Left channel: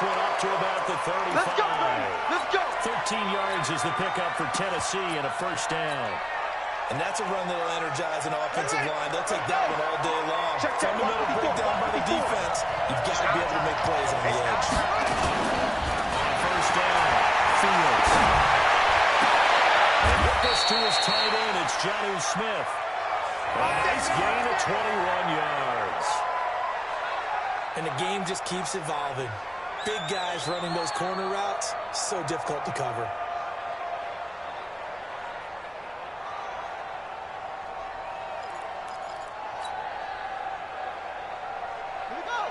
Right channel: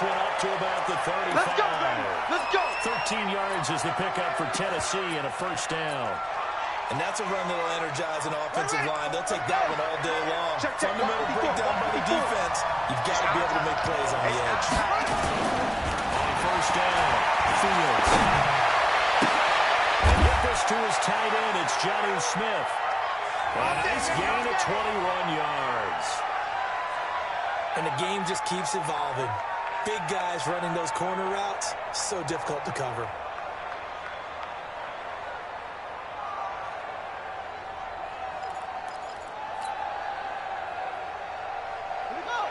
this one up to about the 35. Let's go, baby. Let's go. 13 yards is the pickup for Tennessee and a first down. And that's a run that will energize an offensive line. They'll take that one all day long. Fundamental breakdown by the defense. You've got to be able to make plays on the edge. On first down, Fields. And get this to his tight end. It's Jonnu Smith. A nice gain of 21 yards. And the game just keeps evolving. Big guys running those corner routes, so difficult to cover.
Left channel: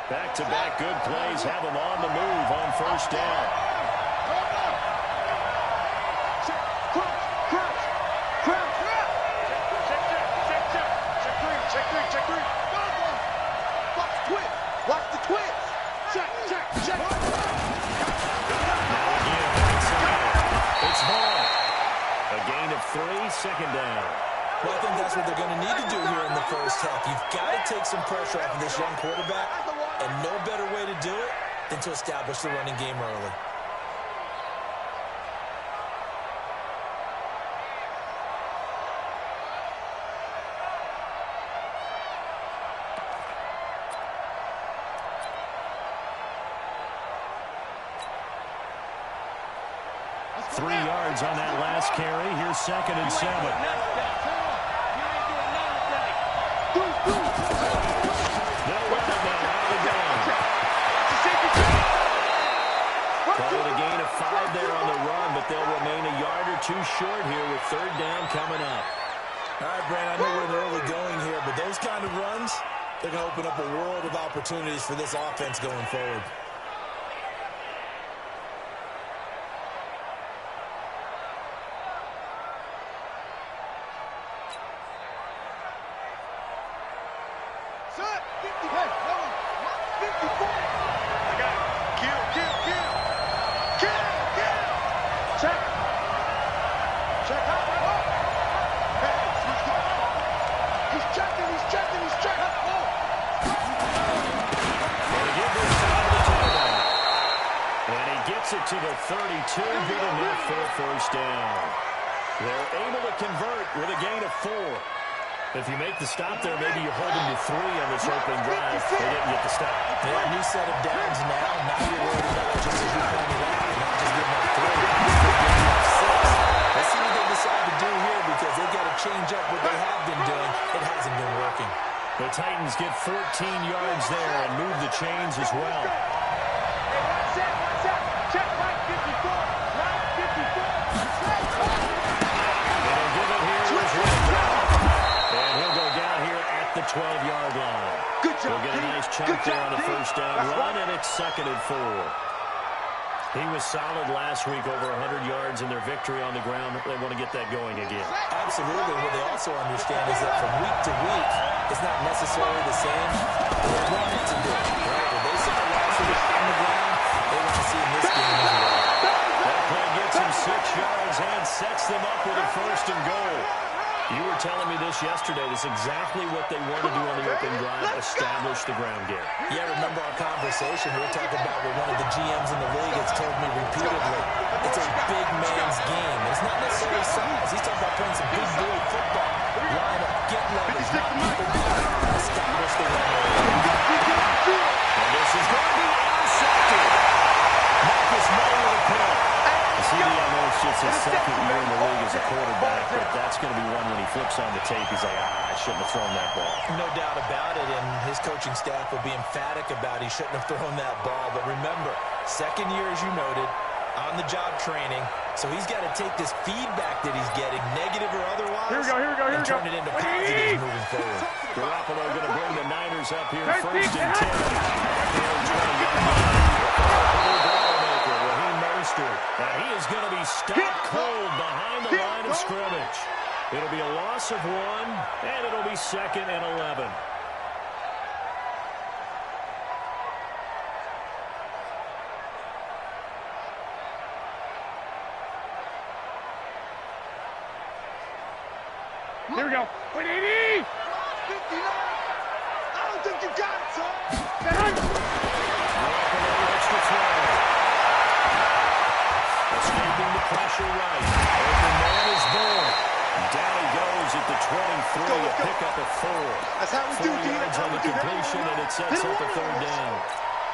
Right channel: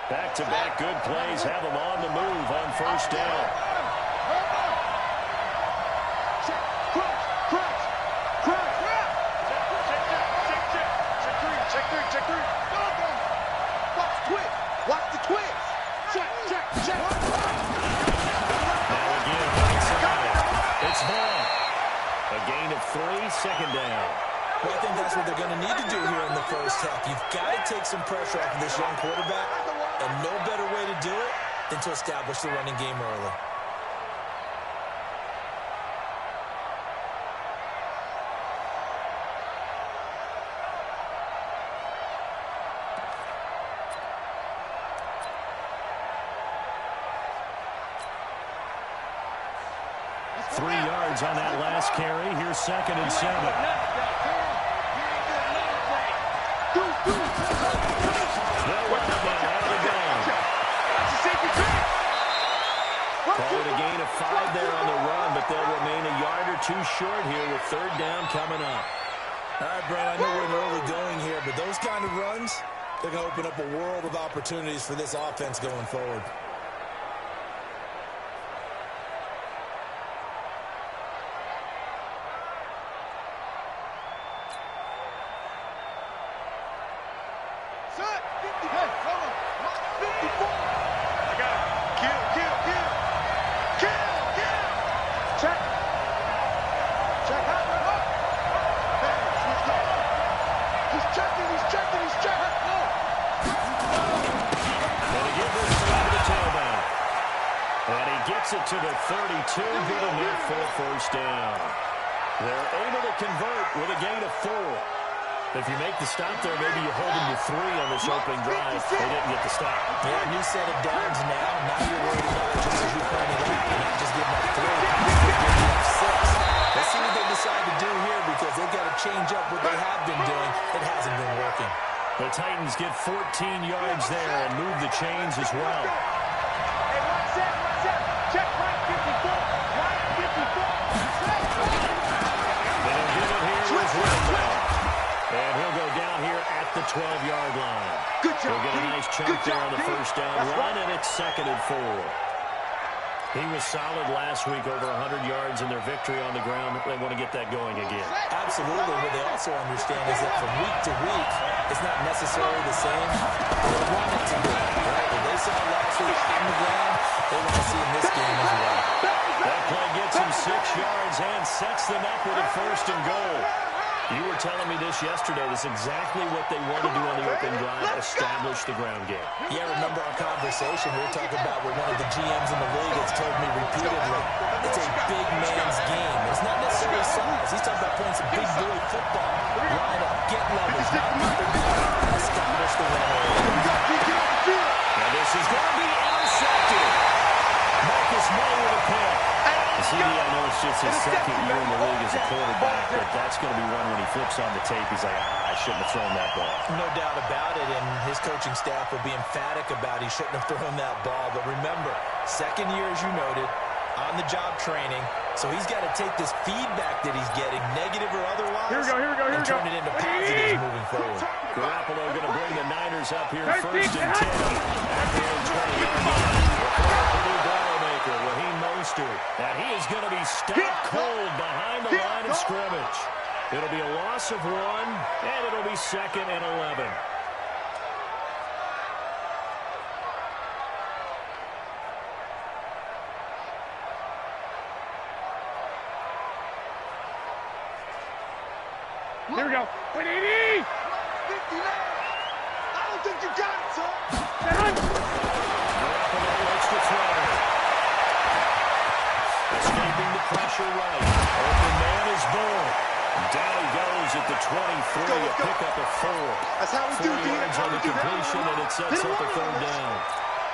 Back-to-back good plays have them on the move on first down. Check, crunch, crunch, crunch. Check three. Go. Watch the twist. Watch the twist. Check. Now again, outside. It's Vaughn. A gain of 3, second down. Well, I think that's what they're going to need to do here in the first half. You've got to take some pressure off of this young quarterback, and no better way to do it than to establish the running game early. Three yards on that last carry. Here's 2nd and 7. They'll run it now out of the gun. Call it a gain of 5 there on the run, but they'll remain a yard or 2 short here with 3rd down coming up. All right, Brand, I know we're in early going here, but those kind of runs, they're going to open up a world of opportunities for this offense going forward. It to the 32, good enough for a first down. They're able to convert with a gain of 4. If you make the stop there, maybe you hold them to 3 on this opening drive. They didn't get the stop. Yeah, new set of downs now. Now you're worried about, just as you pointed out, not just giving up 3, but giving up 6. Let's see what they decide to do here, because they've got to change up what they have been doing. It hasn't been working. The Titans get 14 yards there and move the chains as well. Hey, watch that. Check right 54. Right 54. They'll give it here as well. And he'll go down here at the 12-yard line. Good job, He'll get a nice chunk there on the first down run, and it's 2nd and 4. He was solid last week, over 100 yards in their victory on the ground. They want to get that going again. Absolutely. What they also understand is that from week to week, it's not necessarily the same. They want it to be, right? What they saw last week on the ground, they want to see in this game as well. That play gets him 6 yards and sets them up with a 1st and goal. You were telling me this yesterday. This is exactly what they want to do on the open drive, establish the ground game. Yeah, remember our conversation. We were talking about where one of the GMs in the league has told me repeatedly, it's a big man's game. It's not necessarily size. He's talking about playing some big boy football. Line up, get leverage, knock people down, establish the run. And this is going to be intercepted. Marcus May with a pick. CD, I know it's just his 2nd year in the league as a quarterback, but that's going to be one when he flips on the tape. He's like, I shouldn't have thrown that ball. No doubt about it, and his coaching staff will be emphatic about he shouldn't have thrown that ball. But remember, 2nd year, as you noted, on-the-job training, so he's got to take this feedback that he's getting, negative or otherwise, and turn it into positives moving forward. Garoppolo going to bring the Niners up here 1st and 10 at their own 20-yard line. And he is going to be stopped cold behind the line of scrimmage. It'll be a loss of 1, and it'll be 2nd and 11. Here we go. 180! 59! I don't think you got it, son! Garoppolo looks to throw. pressure right. Open man is Bull. Down he goes at the 23. A pickup of 4. That's how we 4 do, D. yards on the completion, and it sets up a third down.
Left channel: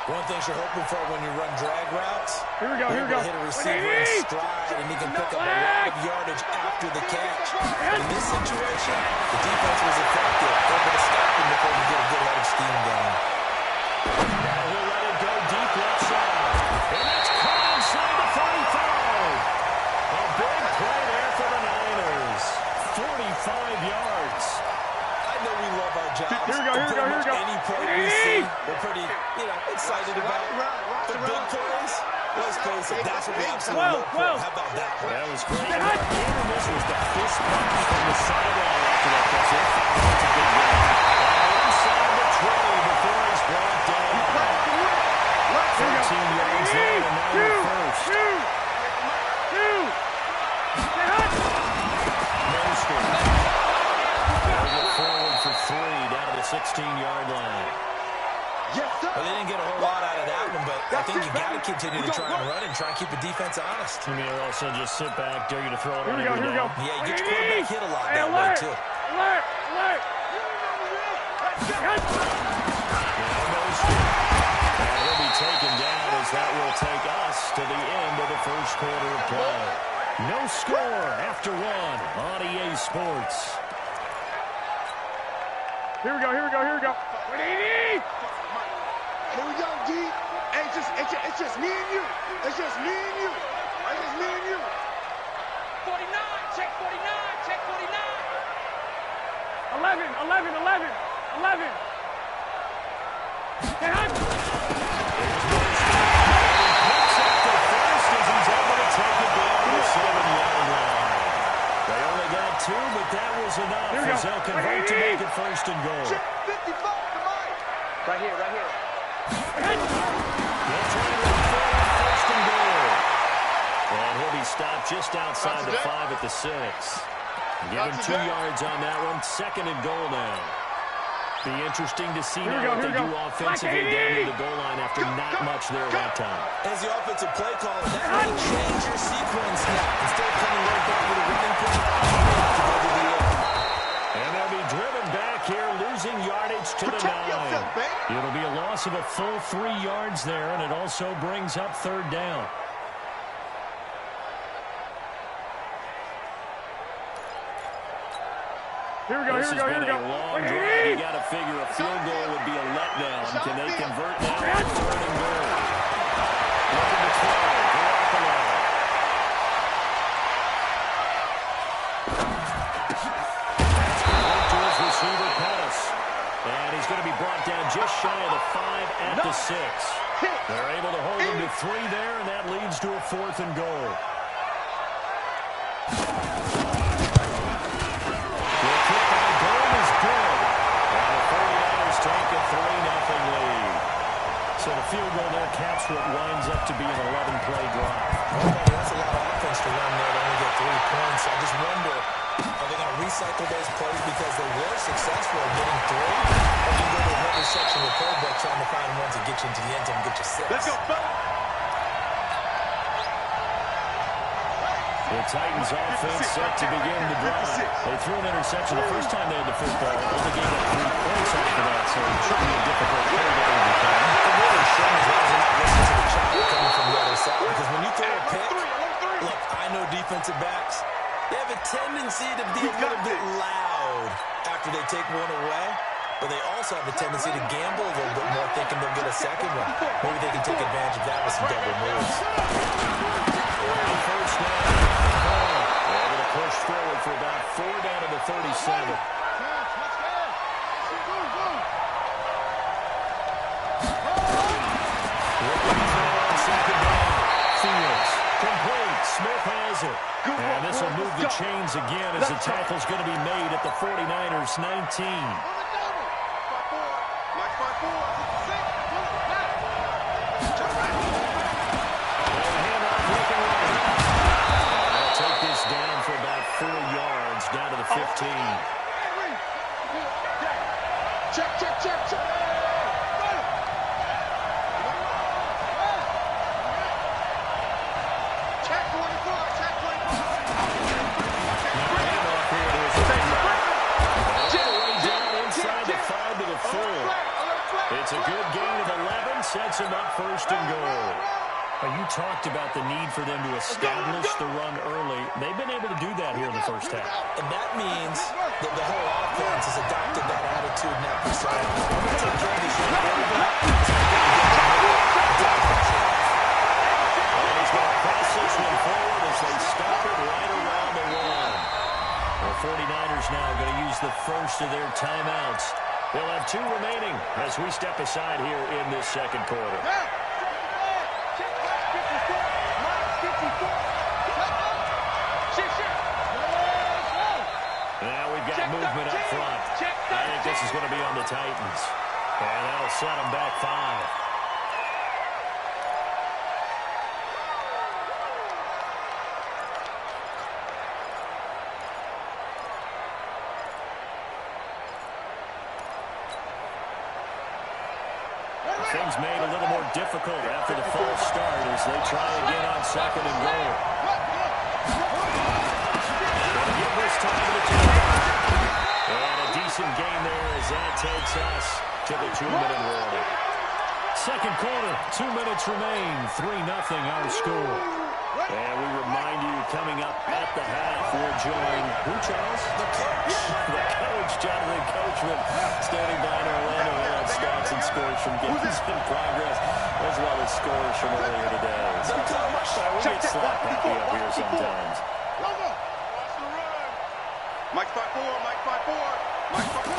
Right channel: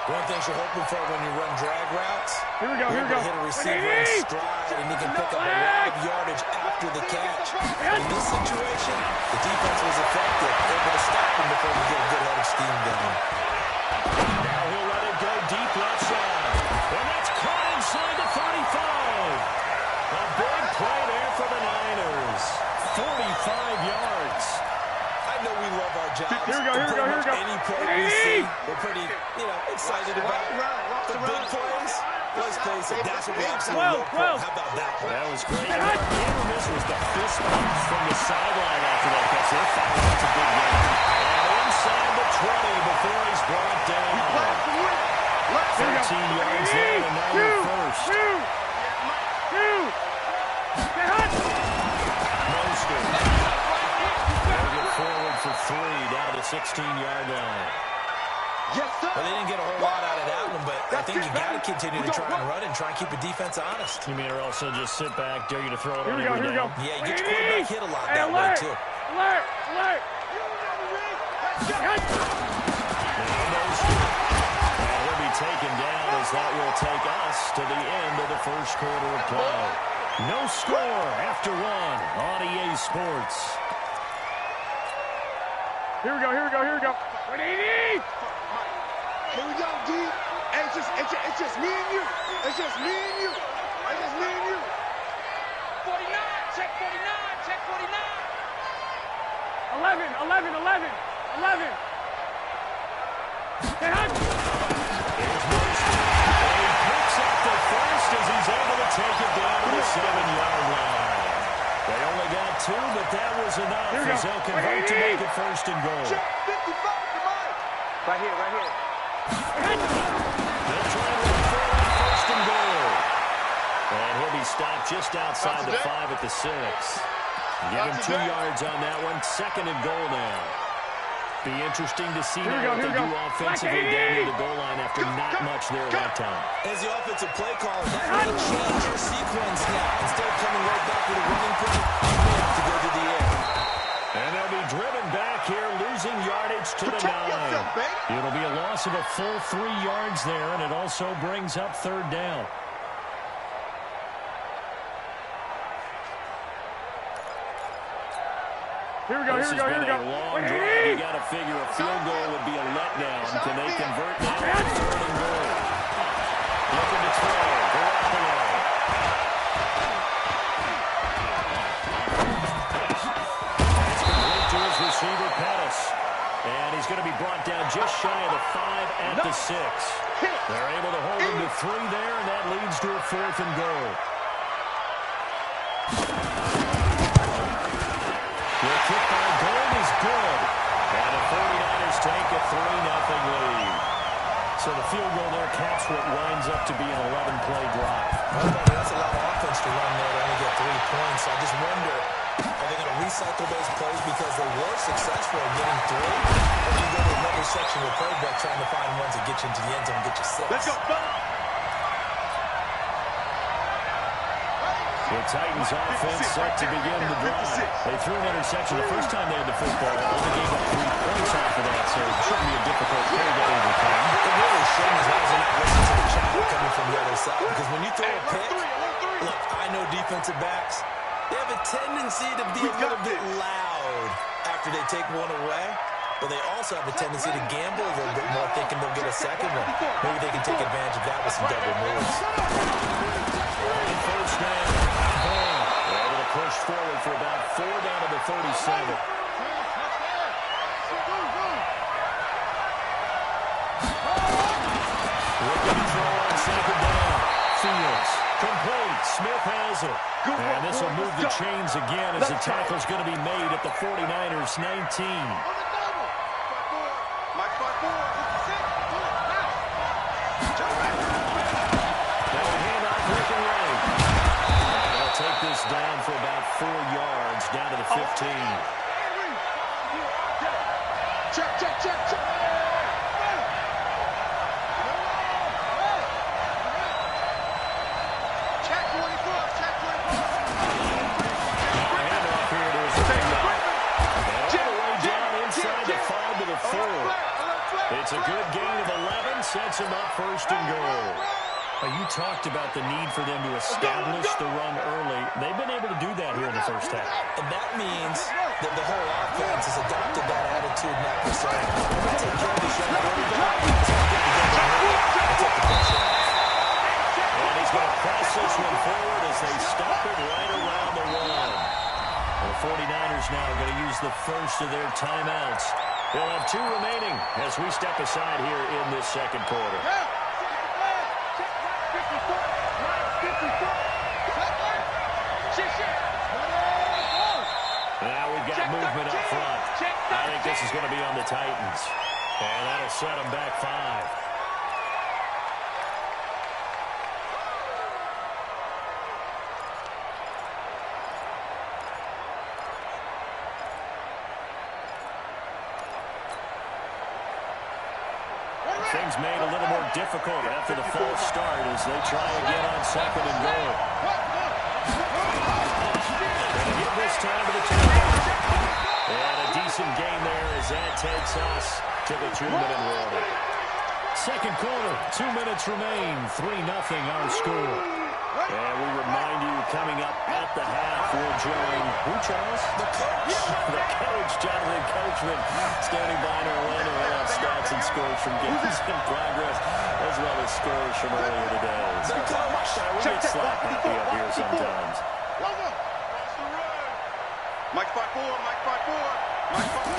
One thing you're hoping for when you run drag routes, here we go. hit a receiver in stride, and he can pick up a lot of yardage after the catch. In this situation, the defense was effective, able to stop him before you get a good head of steam down. Now he'll let it go deep left side. And that's caught inside the 45. A big play there for the Niners. 45 yards. I know we love our jobs. Here we go. Any play we see, we're pretty, excited about. But big plays, let's face it, that's what we absolutely look for. How about that one? That was great. The miss was the fist punch from the sideline after that catch. They're fouled. It's a big game. And inside the 20 before he's brought down. 13 yards there, and now you're first. Forward for 3 down to the 16-yard line. Yes, sir. Well, they didn't get a whole lot out of that one, but I think you got to continue to try and run and try and keep the defense honest. You mean also just sit back, dare you to throw it on Here we go. Yeah, you get your quarterback hit a lot that way, too. Alert! And he'll be taken down as that will take us to the end of the first quarter of play. No score after 1 on EA Sports. Here we go. 180! Here we go, D. It's just me and you. It's just me and you. 49, check 49. 11. Get hot! Picks up the first as he's able to take it down to the 7-yard line. They only got 2, but that was enough as they'll convert to make it first and goal. Check 55 to Mike. Right here. They'll try and run for it on first and goal. And he'll be stopped just outside the 5 at the 6. Give him 2 yards on that one. Second and goal now. Be interesting to see now what they do offensively down near the goal line after not much there that time. As the offensive play caller, that may change your sequence now. Instead of coming right back with a running play, you may have to go to the air. And they'll be driven back here, losing yardage to the 9. It'll be a loss of a full 3 yards there, and it also brings up third down. Here we go. A long drive. You got to figure a field goal would be a letdown. Can they convert now? Third and goal. Looking to throw. Garoppolo. That's complete to his receiver, Pettis. And he's going to be brought down just shy of the 5 at the 6. They're able to hold him to 3 there, and that leads to a 4th and goal. Kick by Gold is good. And the 49ers take a 3-0 lead. So the field goal there caps what winds up to be an 11-play drive. Well, that's a lot of offense to run there to only get 3 points. I just wonder, are they going to recycle those plays because they were successful in getting 3? Or do you go to another section of the playbook trying to find ones that get you into the end zone and get you 6? Let's go, fella. The Titans offense set to begin the drive. They threw an interception the first time they had the football. Only gave up 3 points after that, so it shouldn't be a difficult play to overcome. It really shouldn't, as long as they're not listening to the chatter coming from the other side. Because when you throw a pick, look, I know defensive backs, they have a tendency to be a little bit loud after they take one away. But they also have a tendency to gamble a little bit more, thinking they'll get a second one. Maybe they can take advantage of that with some double moves. On first down, able to push forward for about 4 down to the 37. Looking to throw on second down. Fields, complete. Smith has it. And this will move the chains again as the tackle's going to be made at the 49ers 19. They'll take this down for about 4 yards, down to the 15. Check. Check 24, check. of 4. It's a good gain of 11, sets him up first and goal. You talked about the need for them to establish the run early. They've been able to do that here in the first half. And that means that the whole offense has adopted that attitude and that persona. We're going to take care of this young quarterback. And he's going to press this one forward as they stop it right around the 1. The 49ers now going to use the first of their timeouts. They'll have 2 remaining as we step aside here in this second quarter. Now we've got movement up front. I think this is going to be on the Titans. And that'll set them back 5. Things made a little more difficult after the false start as they try again on second and goal. Going to give this time to the Titans. And a decent gain there as that takes us to the 2-minute warning. Second quarter, 2 minutes remain. 3-0 our score. And we remind you, coming up at the half, we'll join, who, Charles? The coach. The coach, Jonathan Coachman, standing by in Orlando with stats and scores from games in progress, as well as scores from earlier today. So, we get slap happy up here sometimes. Watch the run. Mike 5-4, Mike 5-4, Mike 5-4.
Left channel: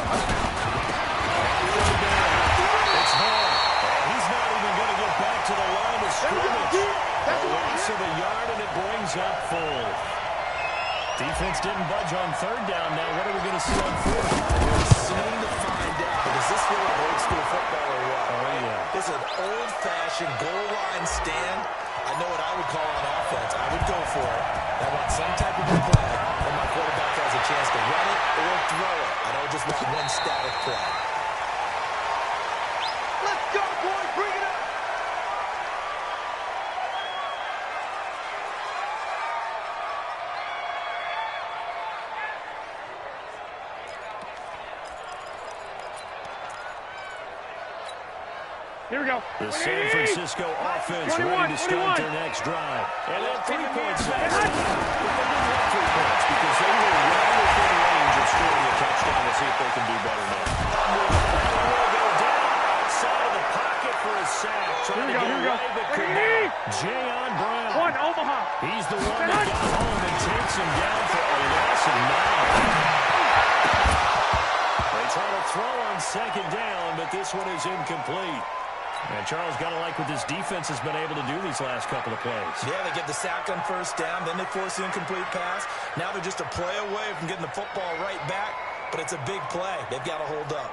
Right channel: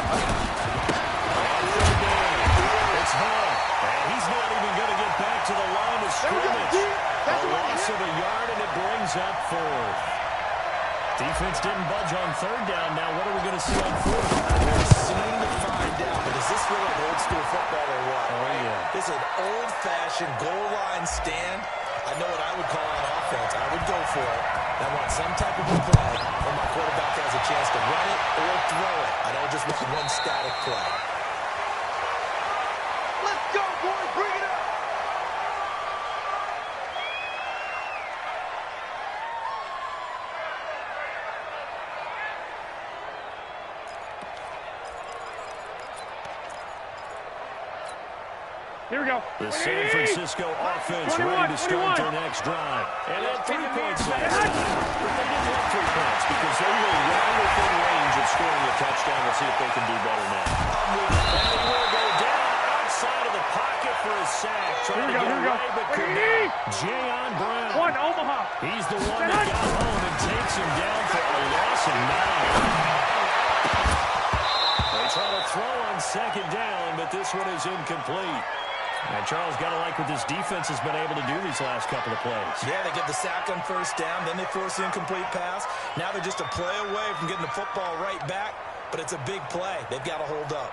It's Hall, and he's not even going to get back to the line of scrimmage. A loss of a yard, and it brings up 4th. Defense didn't budge on 3rd down. Now what are we going to see on 4th? We're soon to find out. But does this feel like old school football or what? Oh, right? yeah. This is an old-fashioned goal line stand. I know what I would call on offense. I would go for it. I want some type of a play where my quarterback has a chance to run it or throw it. I don't just want one static play. Let's go, boys. Bring it up. Here we go. The San Francisco offense ready to start their next drive. And at 3 points left. But they didn't have 3 points because they were right within range of scoring a touchdown. We'll see if they can do better now. And he will go down outside of the pocket for a sack. Trying to get away, but could not. Jayon Brown. Omaha. He's the one that got home and takes him down for a loss of 9. They try to throw on second down, but this one is incomplete. And Charles, got to like what this defense has been able to do these last couple of plays. Yeah, they get the sack on first down, then they force the incomplete pass. Now they're just a play away from getting the football right back, but it's a big play. They've got to hold up.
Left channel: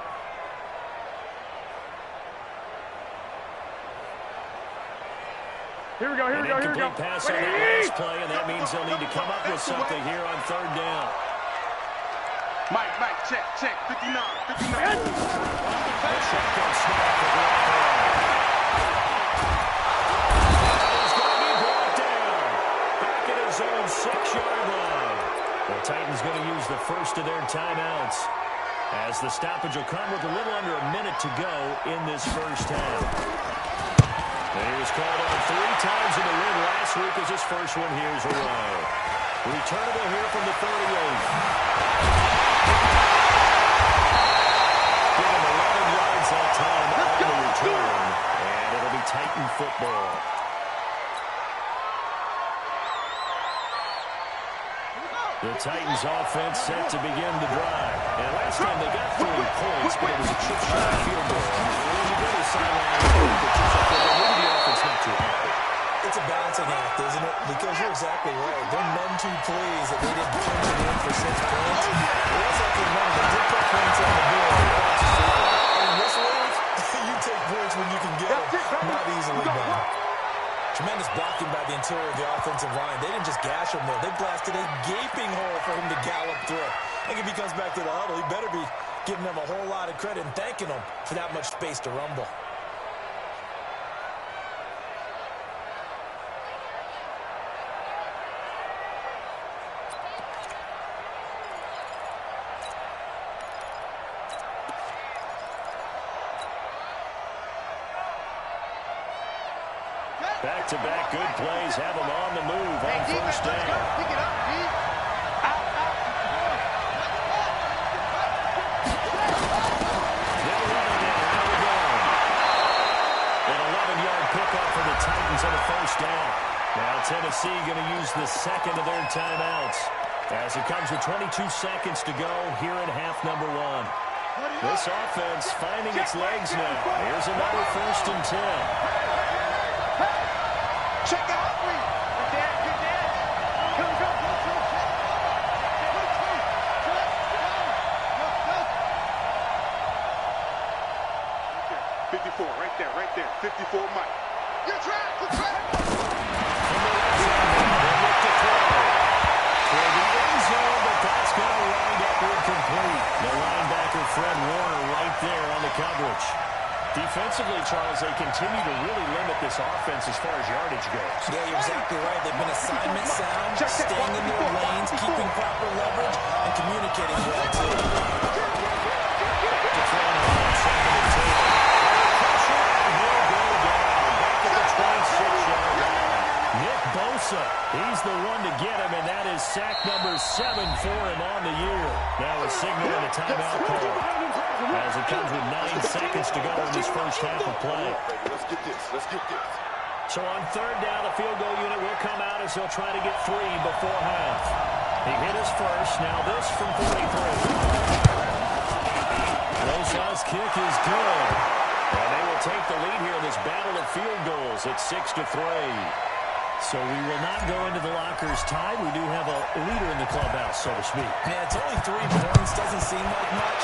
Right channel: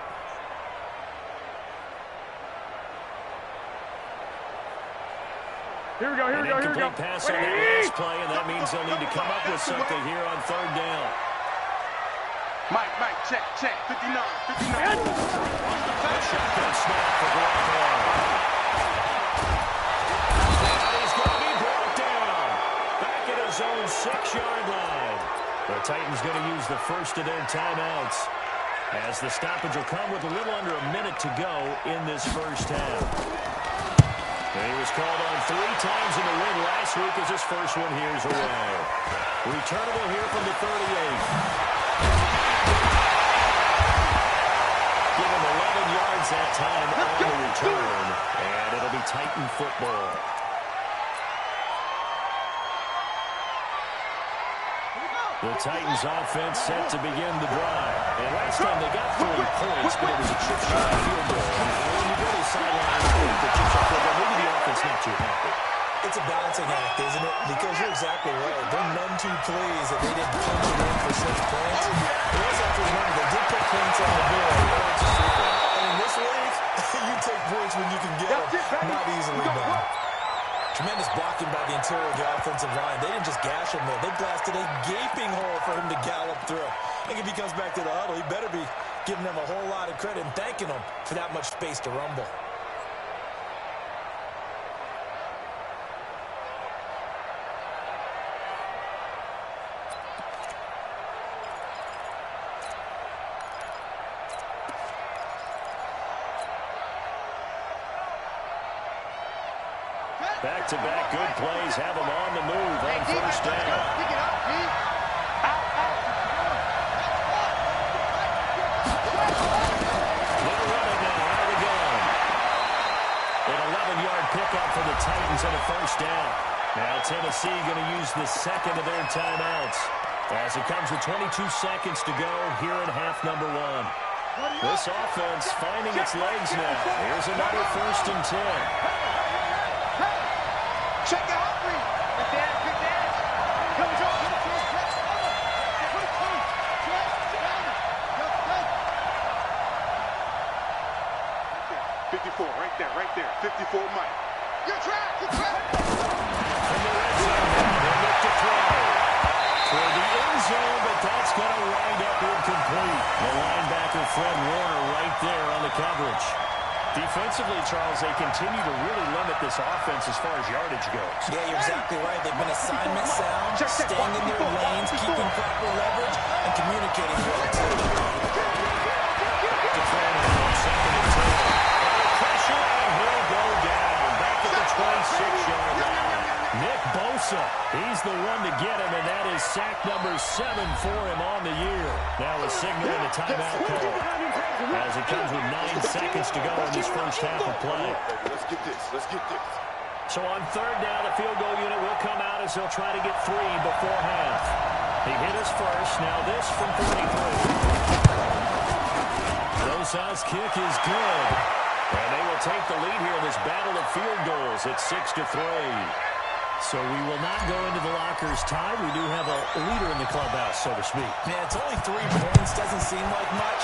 Here we go, here we go, here we go. Incomplete pass on that last play, and that means they'll need to come up with something here on 3rd down. Mike, check, 59. A shotgun snap for Garoppolo. And he's going to be brought down. Back at his own 6-yard line. The Titans going to use the first of their timeouts, as the stoppage will come with a little under a minute to go in this first half. And he was called on 3 times in the win last week as his first one here's away. Returnable here from the 38. Give him 11 yards that time on the return, and it'll be Titan football. The Titans offense set to begin the drive. And last time they got 3 points, but it was a chip shot field goal. And when you go to the sideline with the chip shot field goal, maybe the offense not too happy. It's a balancing act, isn't it? Because you're exactly right. They're none too pleased that they didn't punch it in for 6 points. It was like they did put points on the board. And in this league, you take points when you can get them. Not easily done. Tremendous blocking by the interior of the offensive line. They didn't just gash him there. They blasted a gaping hole for him to gallop through. I think if he comes back to the huddle, he better be giving them a whole lot of credit and thanking them for that much space to rumble. Back-to-back good plays have them on the move on first down. Pick it up, D. Out. They're running now. Out of the gun. An 11-yard pickup for the Titans on a first down. Now Tennessee going to use the second of their timeouts as it comes with 22 seconds to go here in half number 1. This offense finding its legs now. Here's another 1st and 10. Check out, read. Good dash. Come on, check, cover. 22, check, cover. Yes. 54, right there. 54, Mike. You're trapped. From the red zone, they look to throw. For the end zone, but that's going to wind up incomplete. The linebacker, Fred Warner, right there on the coverage. Defensively, Charles, they continue to really limit this offense as far as yardage goes. Yeah, you're exactly right. They've been assignment sound, staying in their lanes, keeping proper leverage, and communicating well, too. To throw it on 2nd and 10. Pressure, and he'll go down. Back at the 26-yard line. Nick Bosa, he's the one to get him, and that is sack number 7 for him on the year. Now a signal and a timeout call as it comes with 9 seconds to go in this first half of play. Let's get this. So on 3rd down, the field goal unit will come out as they'll try to get 3 before half. He hit his first. Now this from 43. Bosa's kick is good. And they will take the lead here in this battle of field goals at 6-3. So we will not go into the lockers tied. We do have a leader in the clubhouse, so to speak. Yeah, it's only 3 points. Doesn't seem like much,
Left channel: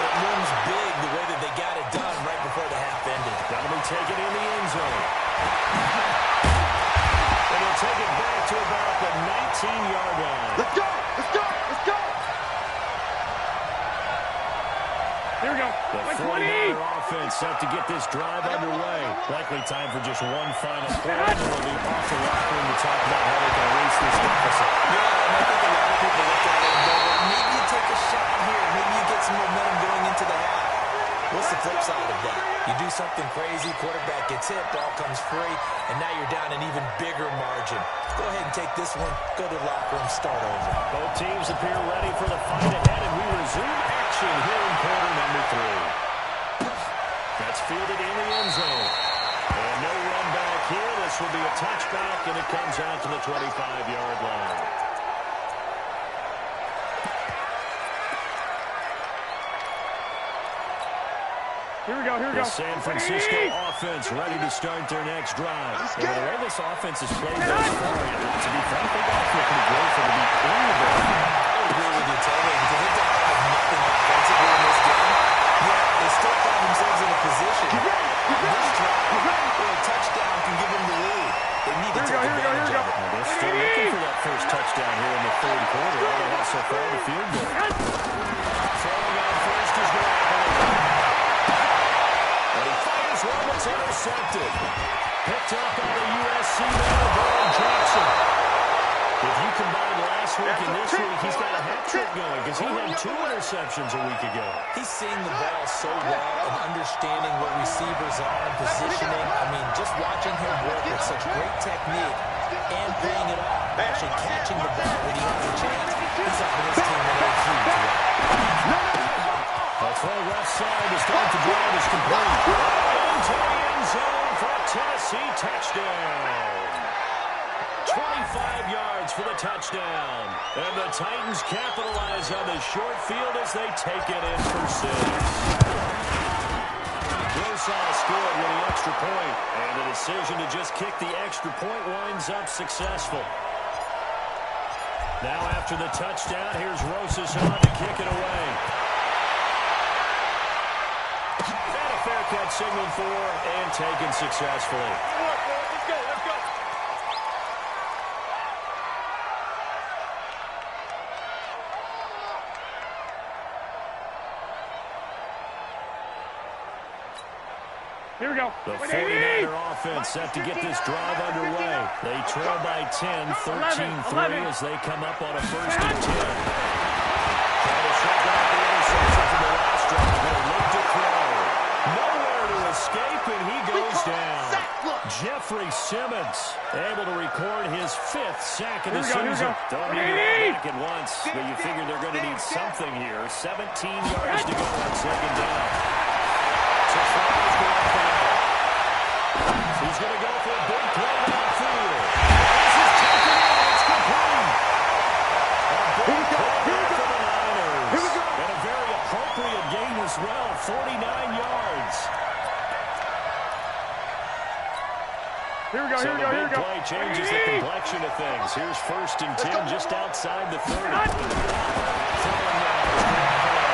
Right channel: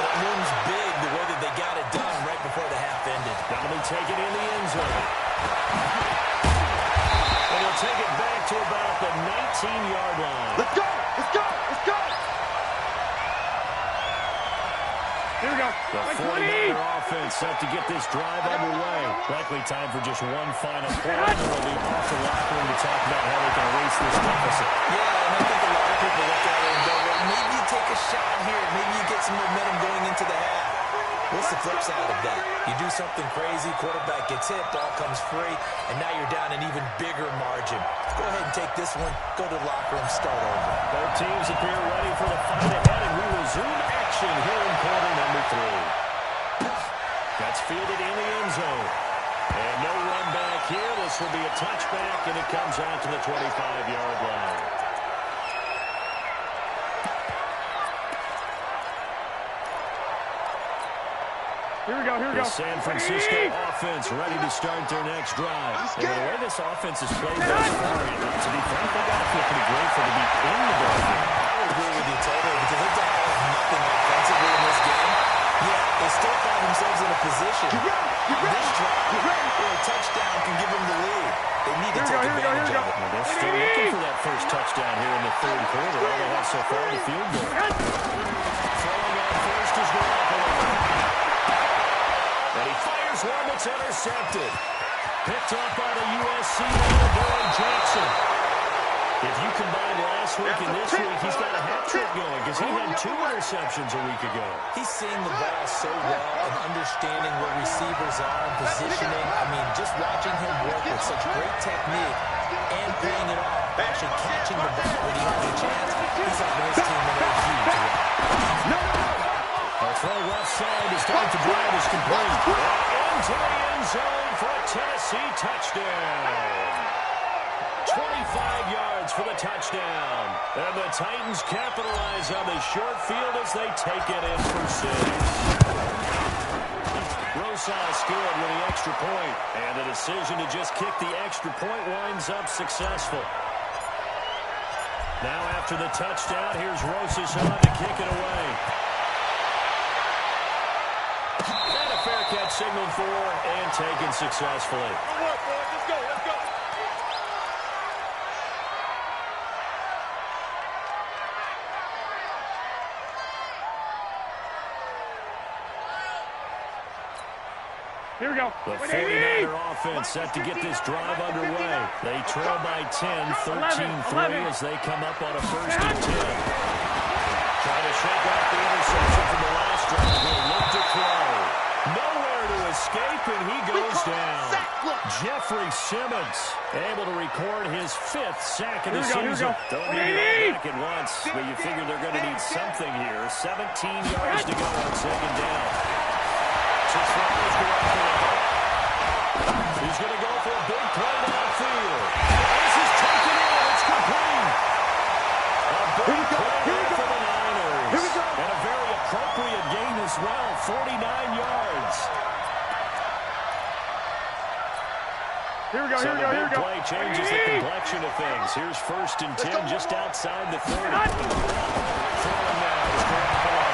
but it looms big the way that they got it done right before the half ended. That'll be taken in the end zone. And he'll take it back to about the 19-yard line. Let's go. Here we go. The 49er offense set to get this drive underway. Likely time for just one final play. And they'll be off the locker room to talk about how they can erase this deficit. Yeah, and I think a lot of people look at it and go, well, maybe you take a shot here. Maybe you get some momentum going into the half. What's the flip side of that? You do something crazy, quarterback gets hit, ball comes free, and now you're down an even bigger margin. Go ahead and take this one, go to the locker room, start over. Both teams appear ready for the fight ahead, and we resume action here in quarter number 3. That's fielded in the end zone. And no run back here. This will be a touchback, and it comes out to the 25-yard line. Here we go. The San Francisco offense ready to start their next drive. And the way this offense has played thus far, to be frank, they got to feel pretty grateful to be in the ball game. I would agree with you totally, because they don't have nothing offensively in this game. Yet they still find themselves in a position. This drive, where a touchdown can give them the lead. They need to take advantage of it. Well, they're still looking for that first touchdown here in the 3rd quarter. All they have so far, the field goal. Throwing on first is Garoppolo. And he fires one that's intercepted. Picked up by the USC man, Dory Jackson. If you combine last week and this week, he's got a hat trick going because he had 2 interceptions a week ago. He's seeing the ball so well and understanding where receivers are and positioning. I mean, just watching him work with such great technique and paying it off, actually catching the ball when he has a chance, he's helping his team in a huge way. A throw left side to start the drive is complete. Into the end zone for a Tennessee touchdown. 25 yards for the touchdown. And the Titans capitalize on the short field as they take it in for 6. Rosal scored with the extra point, and the decision to just kick the extra point winds up successful. Now after the touchdown, here's Rosas on to kick it away. And a fair catch signaled for and taken successfully. Good work, boys. Let's go. Here we go. The 49er offense set to get this drive underway. They trail by 10, 13-3 as they come up on a 1st and 10. Try to shake off the interception from the last drive. He'll look to throw. Nowhere to escape, and he goes down. Jeff Jeffrey Simmons able to record his 5th sack of the Here we season. go. Don't need it all back at once, but you figure they're going to need something here. 17 yards to go on 2nd down. So Flowers go up the line. He's going to go for a big play downfield. This is taken in. It's complete. A big play there for the Niners. Here we go. And a very appropriate gain as well, 49 yards. Here we go, So here we go, the here we big go. play changes the complexion of things. Here's 1st and 10 just outside the 30. Throwing now is Garoppolo.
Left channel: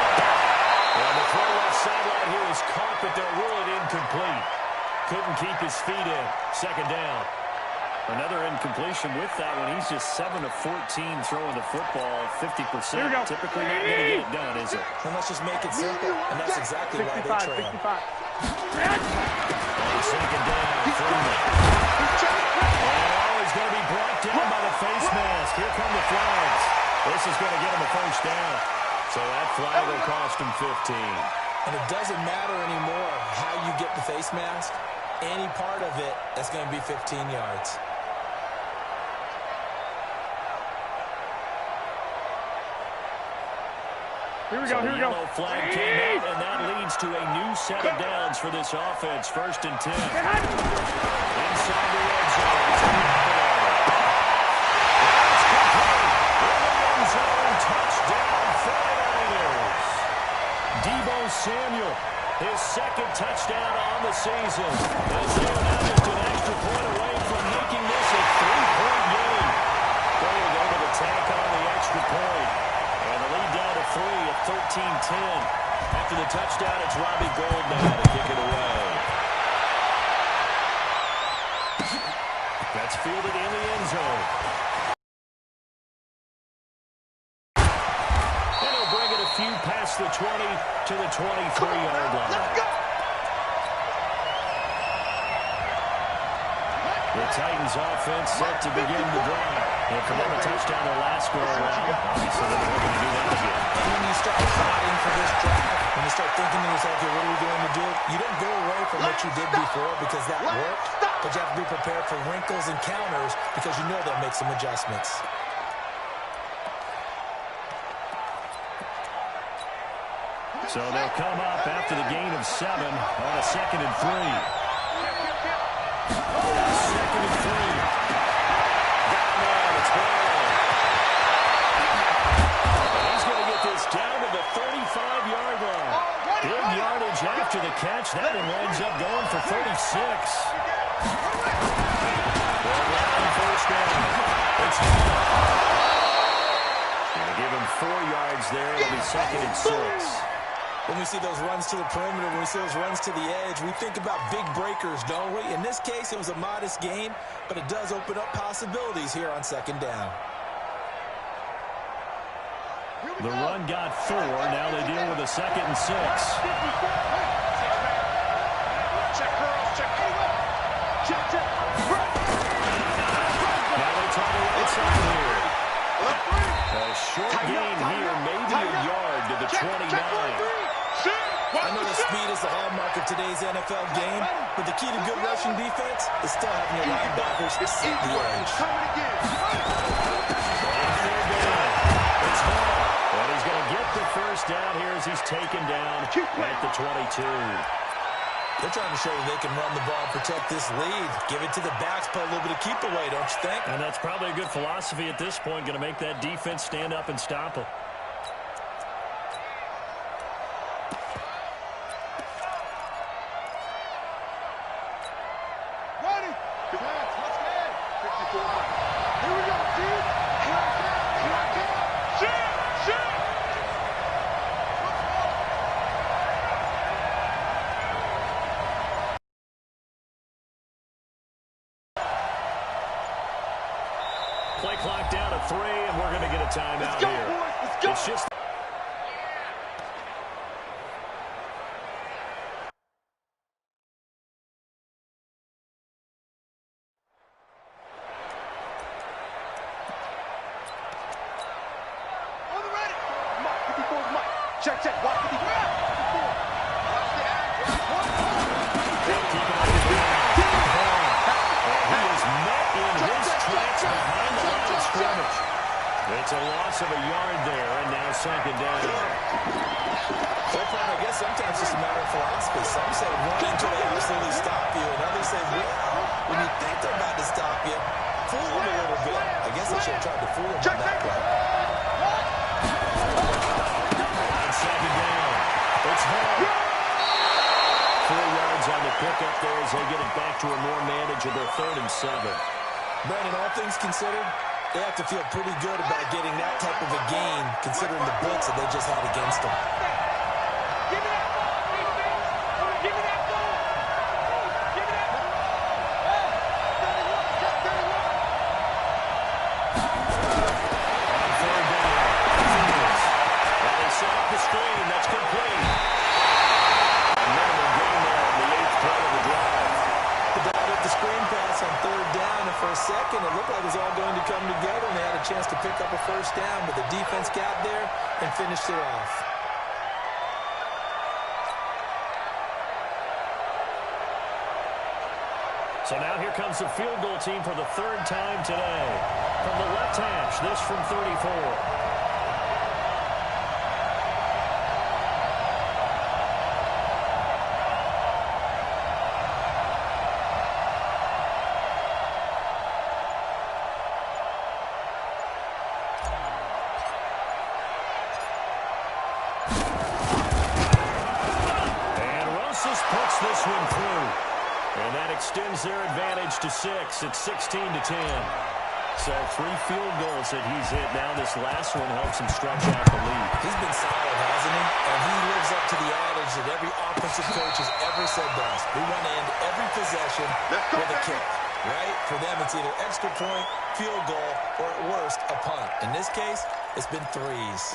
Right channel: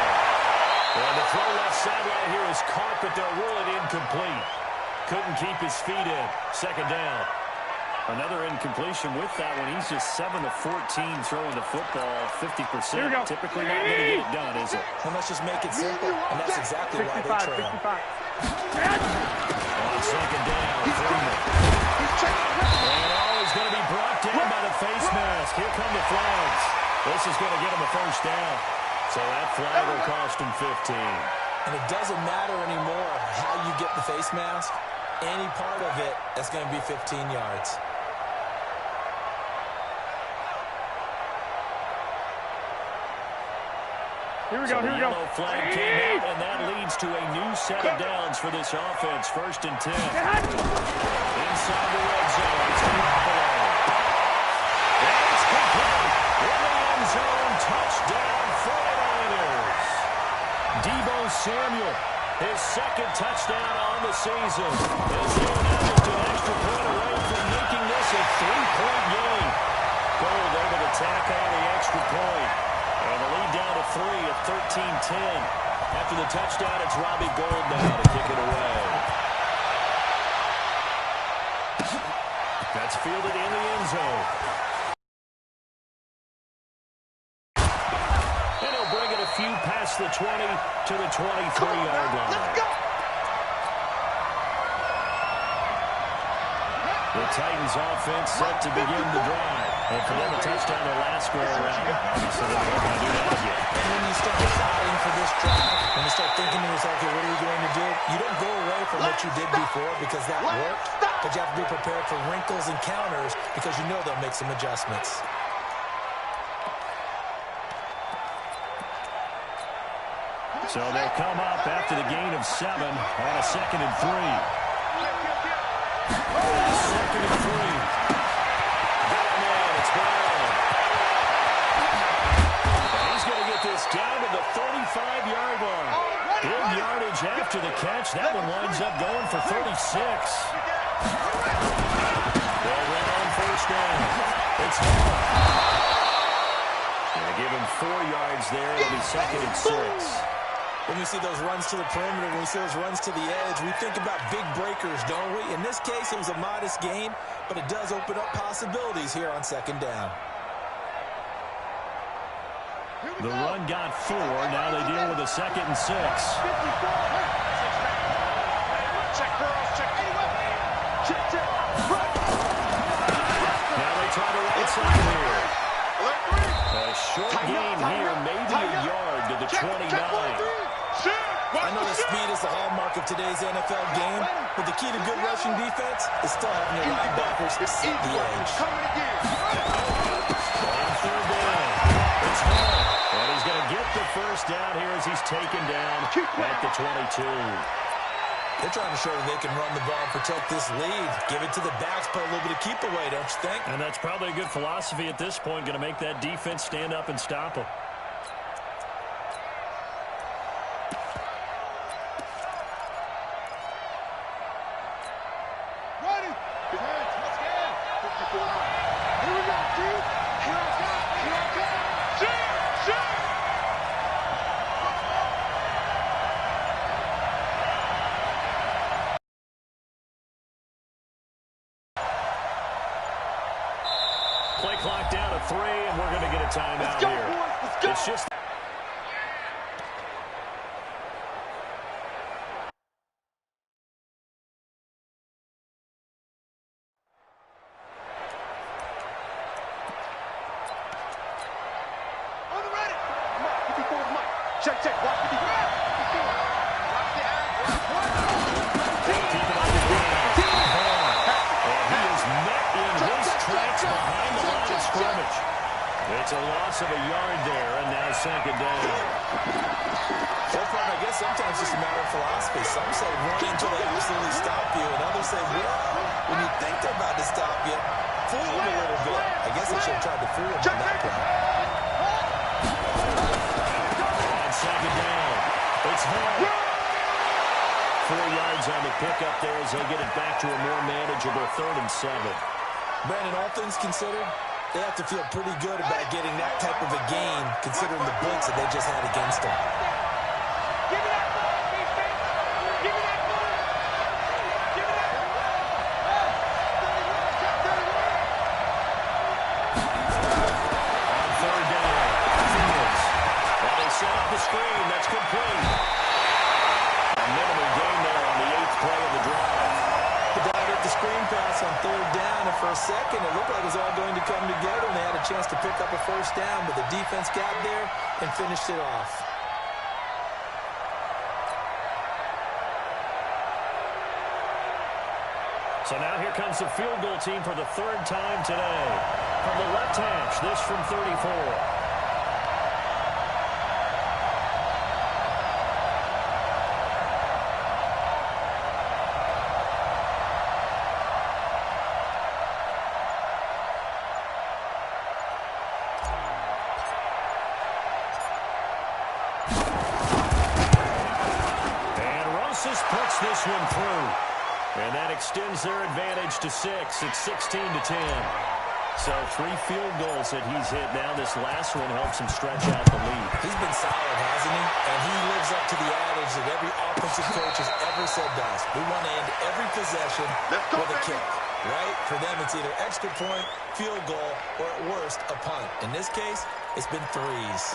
And the throw left sideline here is caught, but they'll rule it incomplete. Couldn't keep his feet in. 2nd down. Another incompletion with that one. He's just 7 of 14 throwing the football. 50%. Typically not going to get it done, is it? And let's just make it simple. And that's exactly why they 65, trail. 65. On 2nd down, Freeman. And he's going to be brought down by the face mask. Here come the flags. This is going to get him a 1st down. So that flag will cost him 15. And it doesn't matter anymore how you get the face mask. Any part of it, that's going to be 15 yards. Here we So go, the here we go. yellow flag came out, and that leads to a new set of downs for this offense. 1st and 10. Inside the red zone. It's Garoppolo. And it's complete. In the end zone. Touchdown, 49ers. Deebo Samuel, his 2nd touchdown on the season. As they are now just an extra point away from making this a 3-point game. Gold able to tack on the extra point. And the lead down to 3 at 13-10. After the touchdown, it's Robbie Gould now to kick it away. That's fielded in the end zone. And he'll bring it a few past the 20 to the 23-yard line. Let's go. The Titans offense set to begin the drive. And for them to touchdown their last go around, obviously they're going to do that again. And when you start plotting for this drive, when you start thinking to yourself, okay, what are we going to do? You don't go away from what you did before because that worked, but you have to be prepared for wrinkles and counters because you know they'll make some adjustments. So they'll come up after the gain of 7 on a 2nd and 3. 2nd and 3. Got him in. It's Brown. And he's going to get this down to the 35-yard line. Big yardage after the catch. That one winds up going for 36. They'll run on 1st down. It's Hall. Going to give him 4 yards there. It'll be 2nd and 6. When we see those runs to the perimeter, when we see those runs to the edge, we think about big breakers, don't we? In this case, it was a modest gain, but it does open up possibilities here on 2nd down. The run got 4. Now they deal with a 2nd and 6. Check girls, check. Check. Now they try the right side here. A short gain here, maybe a yard to the 29. I know that speed is the hallmark of today's NFL game, but the key to good rushing defense is still having your linebackers set the edge. On 3rd down, it's Hall. And he's going to get the 1st down here as he's taken down at the 22. They're trying to show that they can run the ball and protect this lead. Give it to the backs, put a little bit of keep away, don't you think? And that's probably a good philosophy at this point, going to make that defense stand up and stop them. Ready. Let's get 54 Mike. Here we go, dude. Here I come. Shoot. Play clock down to 3, and we're going to get a timeout here. Boys. Let's go. It's just... On the ready. Mike. 54 is Mike. Check. Watch 54. Watch the act. Keep it on the ground. scrimmage. It's a loss of a yard there, and now second down. Well, partner, I guess sometimes it's just a matter of philosophy. Some say run until they absolutely stop you, and others say, well, when you think they're about to stop you, fool them a little bit. I guess they should have tried to fool them on that play. On second down, it's Hall. 4 yards on the pickup there as they get it back to a more manageable 3rd and 7. Brandon, all things considered, they have to feel pretty good about getting that type of a gain, considering the blitz that they just had against them. Give me that ball, defense. Give me that ball. Give me that ball. Hey, 31, check 31. On 3rd down, Fields. While they set up the screen, that's complete. A minimal gain there on the 8th play of the drive. The dive at the screen pass on 3rd down, and for a second it looked like it was all going to come together, and they had a chance to pick up a 1st down, but the defense got there and finished it off. So now here comes the field goal team for the 3rd time today. From the left hash, this from 34. Puts this one through. And that extends their advantage to 6. It's 16-10. So 3 field goals that he's hit now. This last one helps him stretch out the lead. He's been solid, hasn't he? And he lives up to the adage that every offensive coach has ever said to us. We want to end every possession with a kick, right? For them, it's either extra point, field goal, or at worst, a punt. In this case, it's been 3s.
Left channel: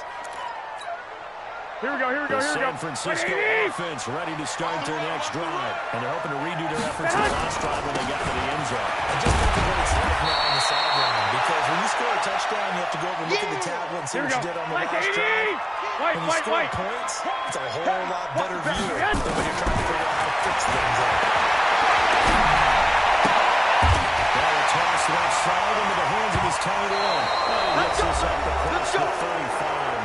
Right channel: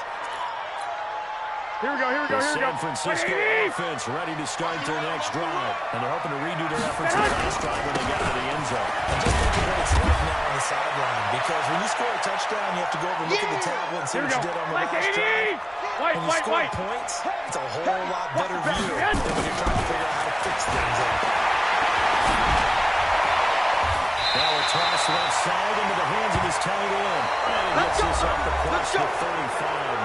Here we go, here we go, The here we go. San Francisco offense ready to start their next drive. And they're hoping to redo their efforts in the last drive when they got to the end zone. And just think of what it's like now on the sideline. Because when you score a touchdown, you have to go over and look at the tablet and see what you did on the last drive. When you score points, it's a whole lot better view than when you're trying to figure out how to fix things up. Well, a toss left side into the hands of his tight end. And he gets this up across the 35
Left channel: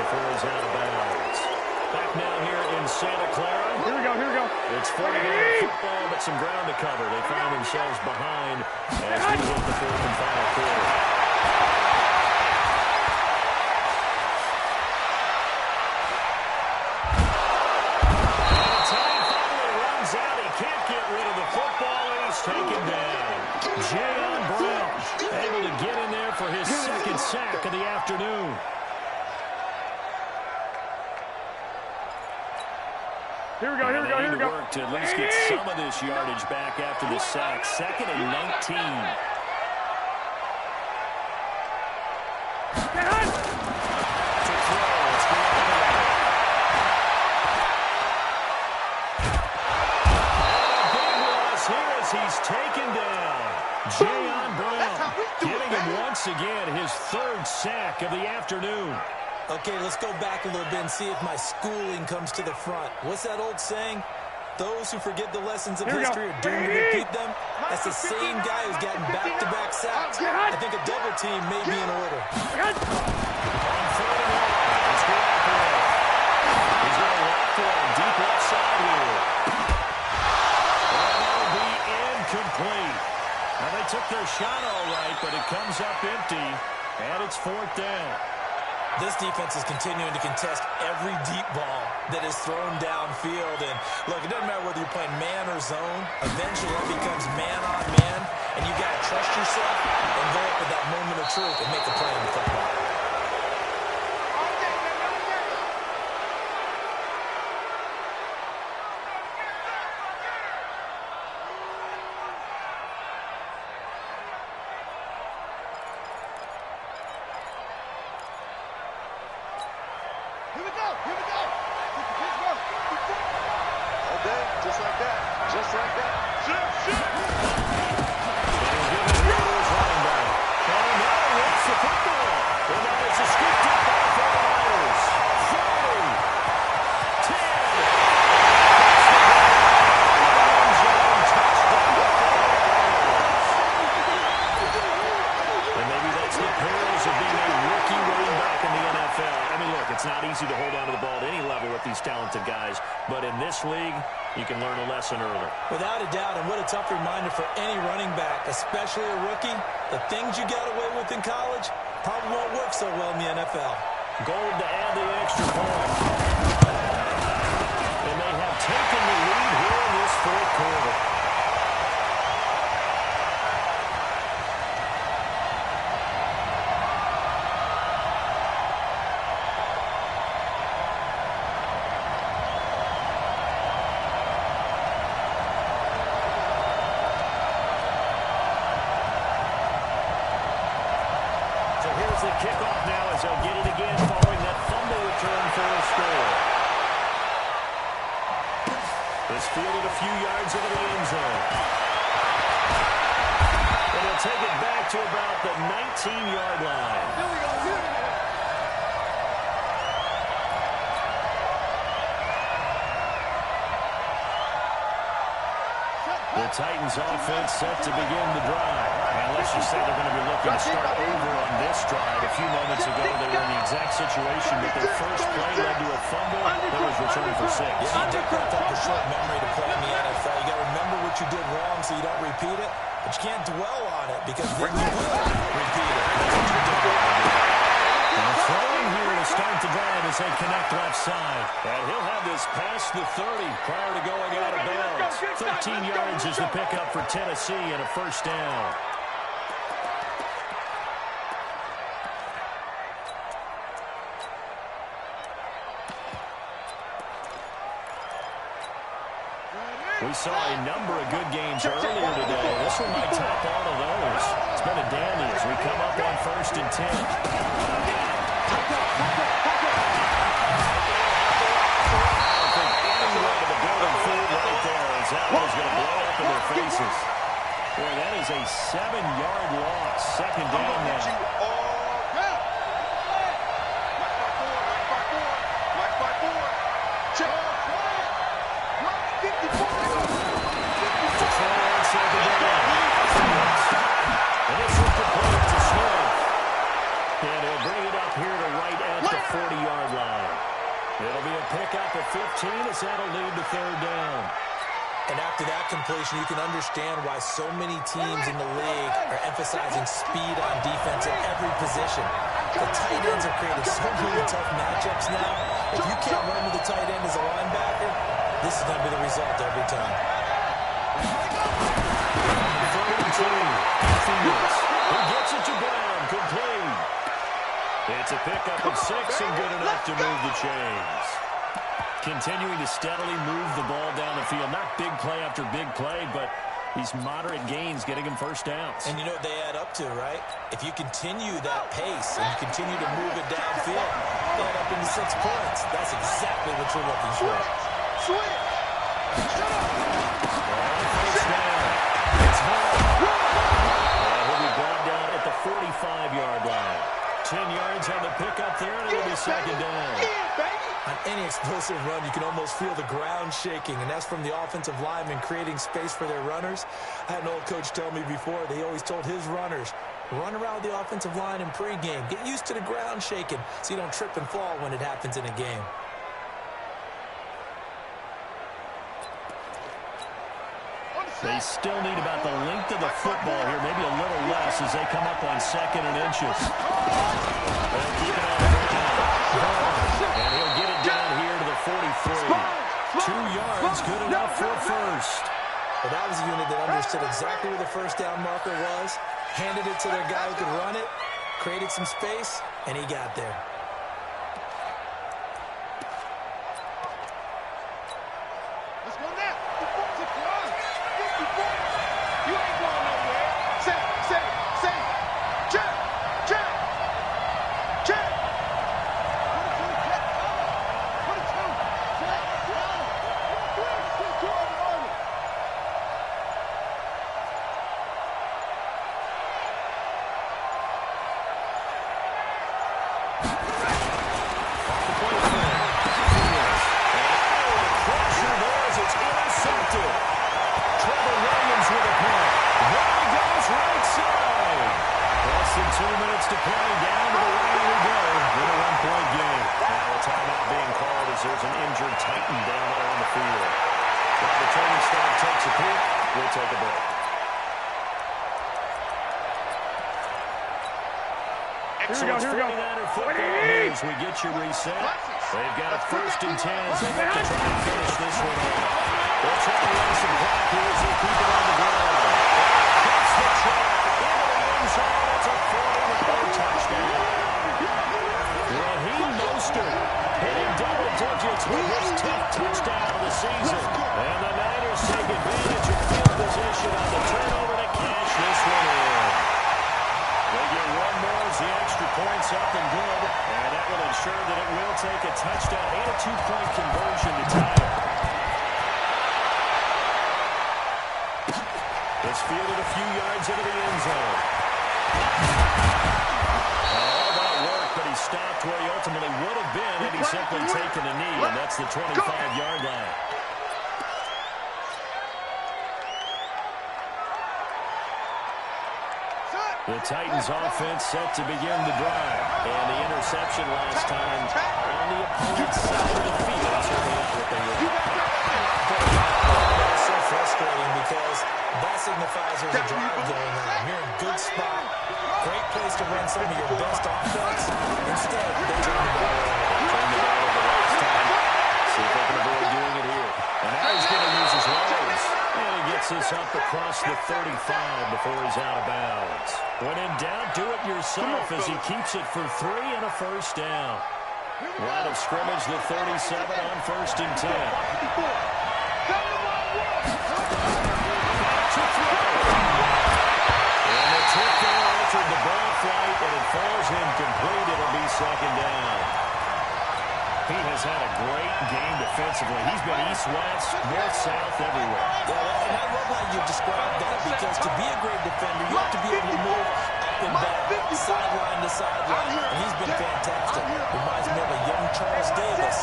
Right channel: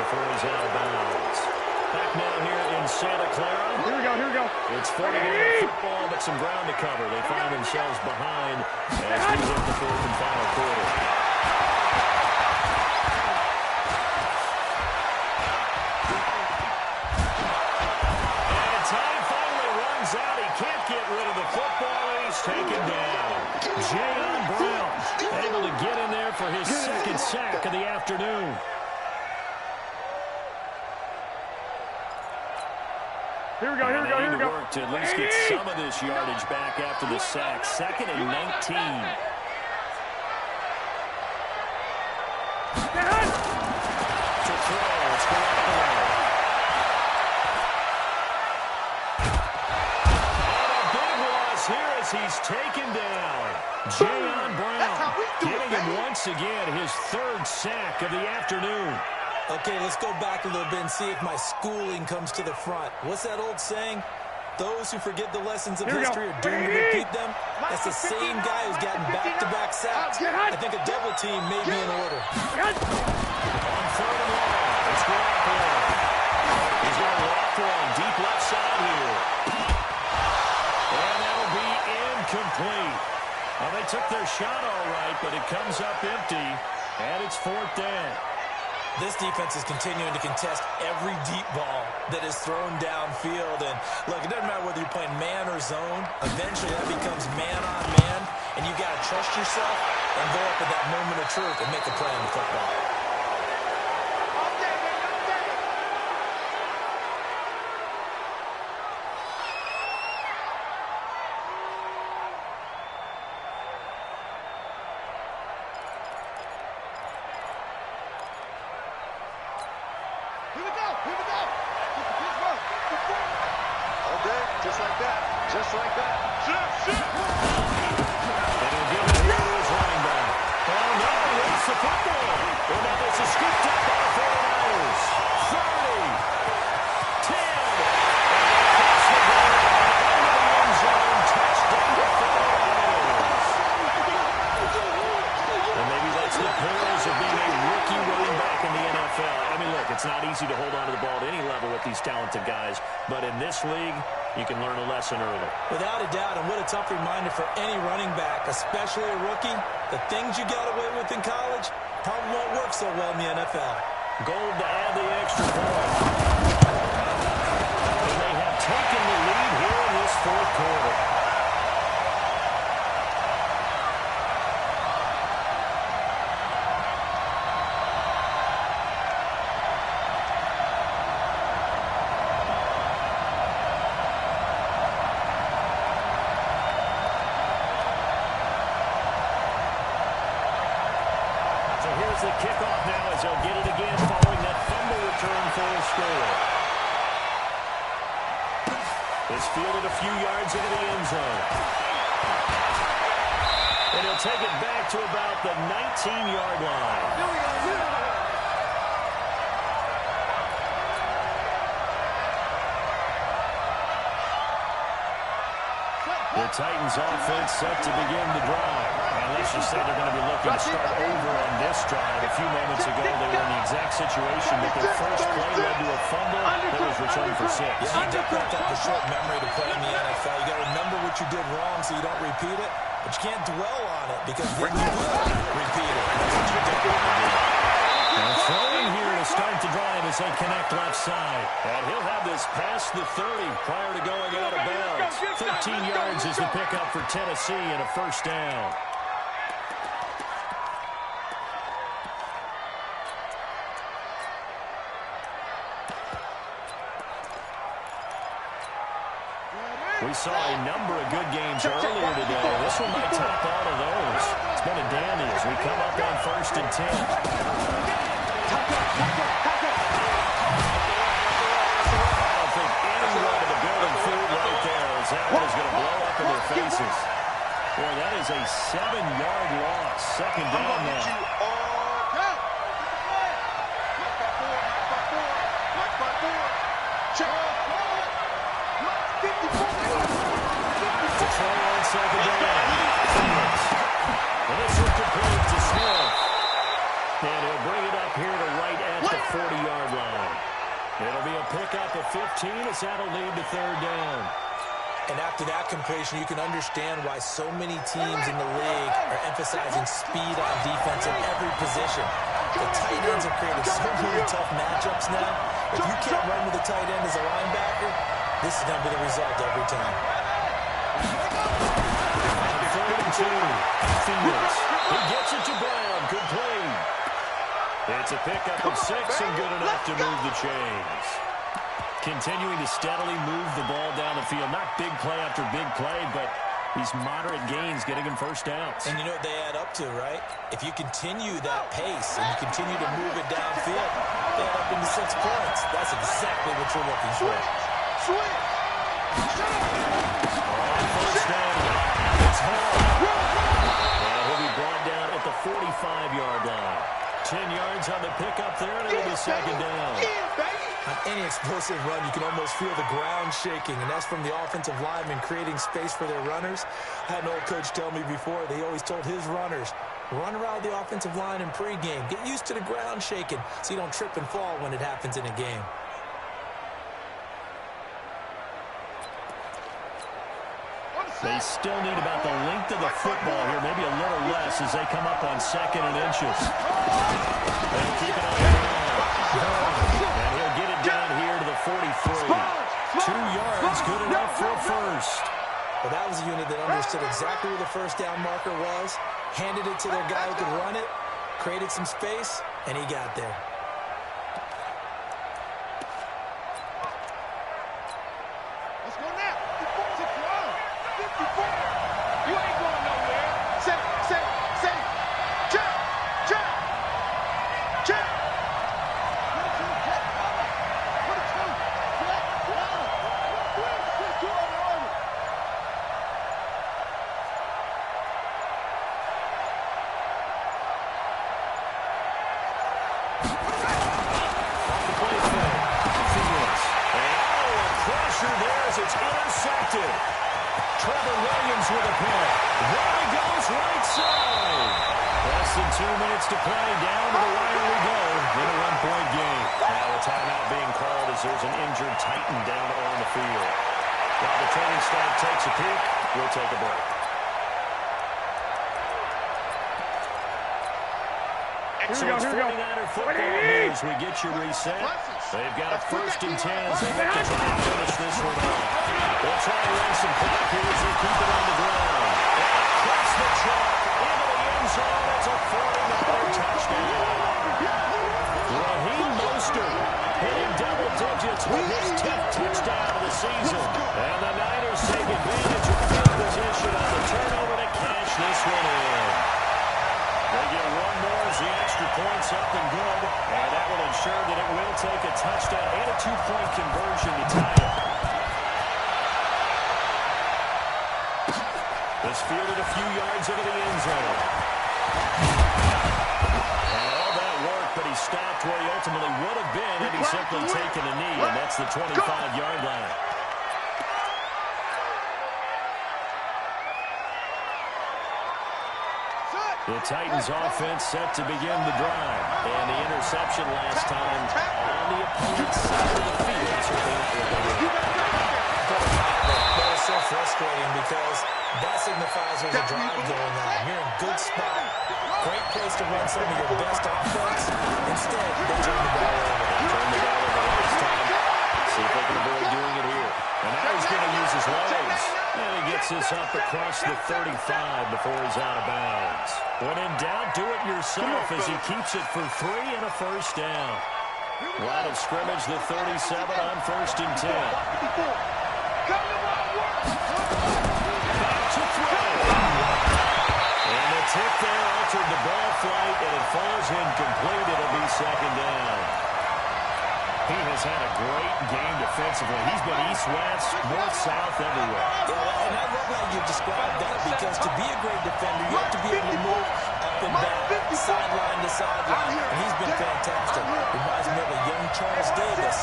before he's out of bounds. Back now here in Santa Clara. Here we go, here we go. It's 49 football, but some ground to cover. They find themselves behind as we hit the 4th and final quarter. And time finally runs out. He can't get rid of the football, and he's taken down. Jayon Brown able to get in there for his 2nd sack of the afternoon. Here we go, here we go, here we go. Work to at least get some of this yardage back after the sack. 2nd and 19. To throw, it's Garoppolo. And a big loss here as he's taken down. Jayon Brown getting him once again his 3rd sack of the afternoon. Okay, let's go back a little bit and see if my schooling comes to the front. What's that old saying? Those who forget the lessons of history are doomed to repeat them. That's the same guy who's gotten back-to-back sacks. I think a double team may be in order. On 3rd and 1, it's Garoppolo. He's going to walk one deep left side here. And that'll be incomplete. Now, they took their shot all right, but it comes up empty, and it's 4th down. This defense is continuing to contest every deep ball that is thrown downfield. And, look, it doesn't matter whether you're playing man or zone. Eventually, that becomes man-on-man, and you got to trust yourself and go up at that moment of truth and make a play on the football. All day, baby, all day. Here we go, here we go. Get the Pittsburgh. All day, just like that, just like that. Shit. And he'll give it here to his running back. Oh, no, he hits the football. Well, now it's a scooped up by the 49ers. 30, 10. That's the ball. End zone touchdown to 49ers. And maybe that's the perils of talented guys. But in this league, you can learn a lesson early. Without a doubt, and what a tough reminder for any running back, especially a rookie. The things you got away with in college probably won't work so well in the NFL. Gold to add the extra point. And they have taken the lead here in this fourth quarter. So here's the kickoff now as they'll get it again following that fumble return for a score. It's fielded a few yards into the end zone. And he'll take it back to about the 19-yard line. Here we go. The Titans offense set to begin the drive. And let's just say they're going to be looking to start over on this drive. A few moments ago, they were in the exact situation, but their first play led to a fumble that was returned for 6. Yeah, you definitely have a short memory to play in the NFL. You got to remember what you did wrong so you don't repeat it. But you can't dwell on it because then you will repeat it. That's what you don't want to do. And throwing here to start the drive as they connect left side. And he'll have this past the 30 prior to going out of bounds. 13 yards is the pickup for Tennessee and a first down. We saw a number of good games earlier today. This one might top all of those. It's been a dandy as we come up on 1st and 10. I don't think anyone in the building fooled right there as that one is going to blow up in their faces. Boy, that is a 7-yard loss. Second down now. March by four. Check. To throw on second down. And this will complete to Smith. And he'll bring it up here to right at the 40-yard line. It'll be a pickup of 15 as that'll lead to third down. And after that completion, you can understand why so many teams in the league are emphasizing speed on defense in every position. The tight ends have created so many tough matchups now. If you can't run with a tight end as a linebacker, this is going to be the result every time. Third and 2. Fields. He gets it to Brown. Complete. It's a pickup of 6 and good enough to move the chains. Continuing to steadily move the ball down the field. Not big play after big play, but these moderate gains getting him first downs. And you know what they add up to, right? If you continue that pace and you continue to move it downfield, they add up into 6 points. That's exactly what you're looking for. Switch. Shut up. On first down. It's Hall. And he'll be brought down at the 45-yard line. 10 yards on the pickup there, and it'll be second down. On any explosive run, you can almost feel the ground shaking, and that's from the offensive linemen creating space for their runners. I had an old coach tell me before, they always told his runners, run around the offensive line in pregame. Get used to the ground shaking so you don't trip and fall when it happens in a game. They still need about the length of the football here, maybe a little less as they come up on 2nd and inches. They'll keep it on the ground. And he'll get it down here to the 43. 2 yards, good enough for a first. Well, that was a unit that understood exactly where the first down marker was, handed it to their guy who could run it, created some space, and he got there. Let's go now. 6 yards. 54. You ain't going nowhere. Say. Check. Check. 22, check. Over. 22, check. Over. 22, over. Off the play fake. Fields. And a pressure there as it's intercepted. Trevor Williams with a punt. There he goes right side. That's than 2 minutes to play. Down to the wire we go in a one-point game. Now a timeout being called as there's an injured Titan down on the field. While the training staff takes a peek, we'll take a break. Excellent 49er football news. We get you reset. They've got a 1st and 10 as they look to try and finish this one off. They'll try to run some clock here as they keep it on the ground. Across the track, into the end zone. It's a 49er touchdown. Raheem Mostert hitting double digits with his 10th touchdown of the season. And the Niners take advantage of field position on the turnover to cash this one in. They get one more as the extra point's up and good. And that will ensure that it will take a touchdown and a 2-point conversion to tie it. It's fielded a few yards into the end zone. And all that work, but he stopped where he ultimately would have been had he simply taken a knee, and that's the 25-yard line. The Titans offense set to begin the drive. And the interception last time on the opponent's side of the field. Certainly not what they were. That is so frustrating because that signifies there's a drive going on. You're in a good spot. Great place to run some of your best offense. Instead, they turn the ball over. Turn the ball over last time. See if they can avoid doing it here. And now he's going to use his legs. And he gets this up across the 35 before he's out of bounds. When in doubt, do it yourself as he keeps it for 3 and a 1st down. Line of scrimmage, the 37 on 1st and 10. Back to throw. And the tip there altered the ball flight, and it falls incomplete. It'll be 2nd down. He has had a great game defensively. He's been east-west, north-south, everywhere. Yeah, and I love how you described that because to be a great defender, you have to be able to move up and back, sideline to sideline, and he's been fantastic. Reminds me of a young Charles Davis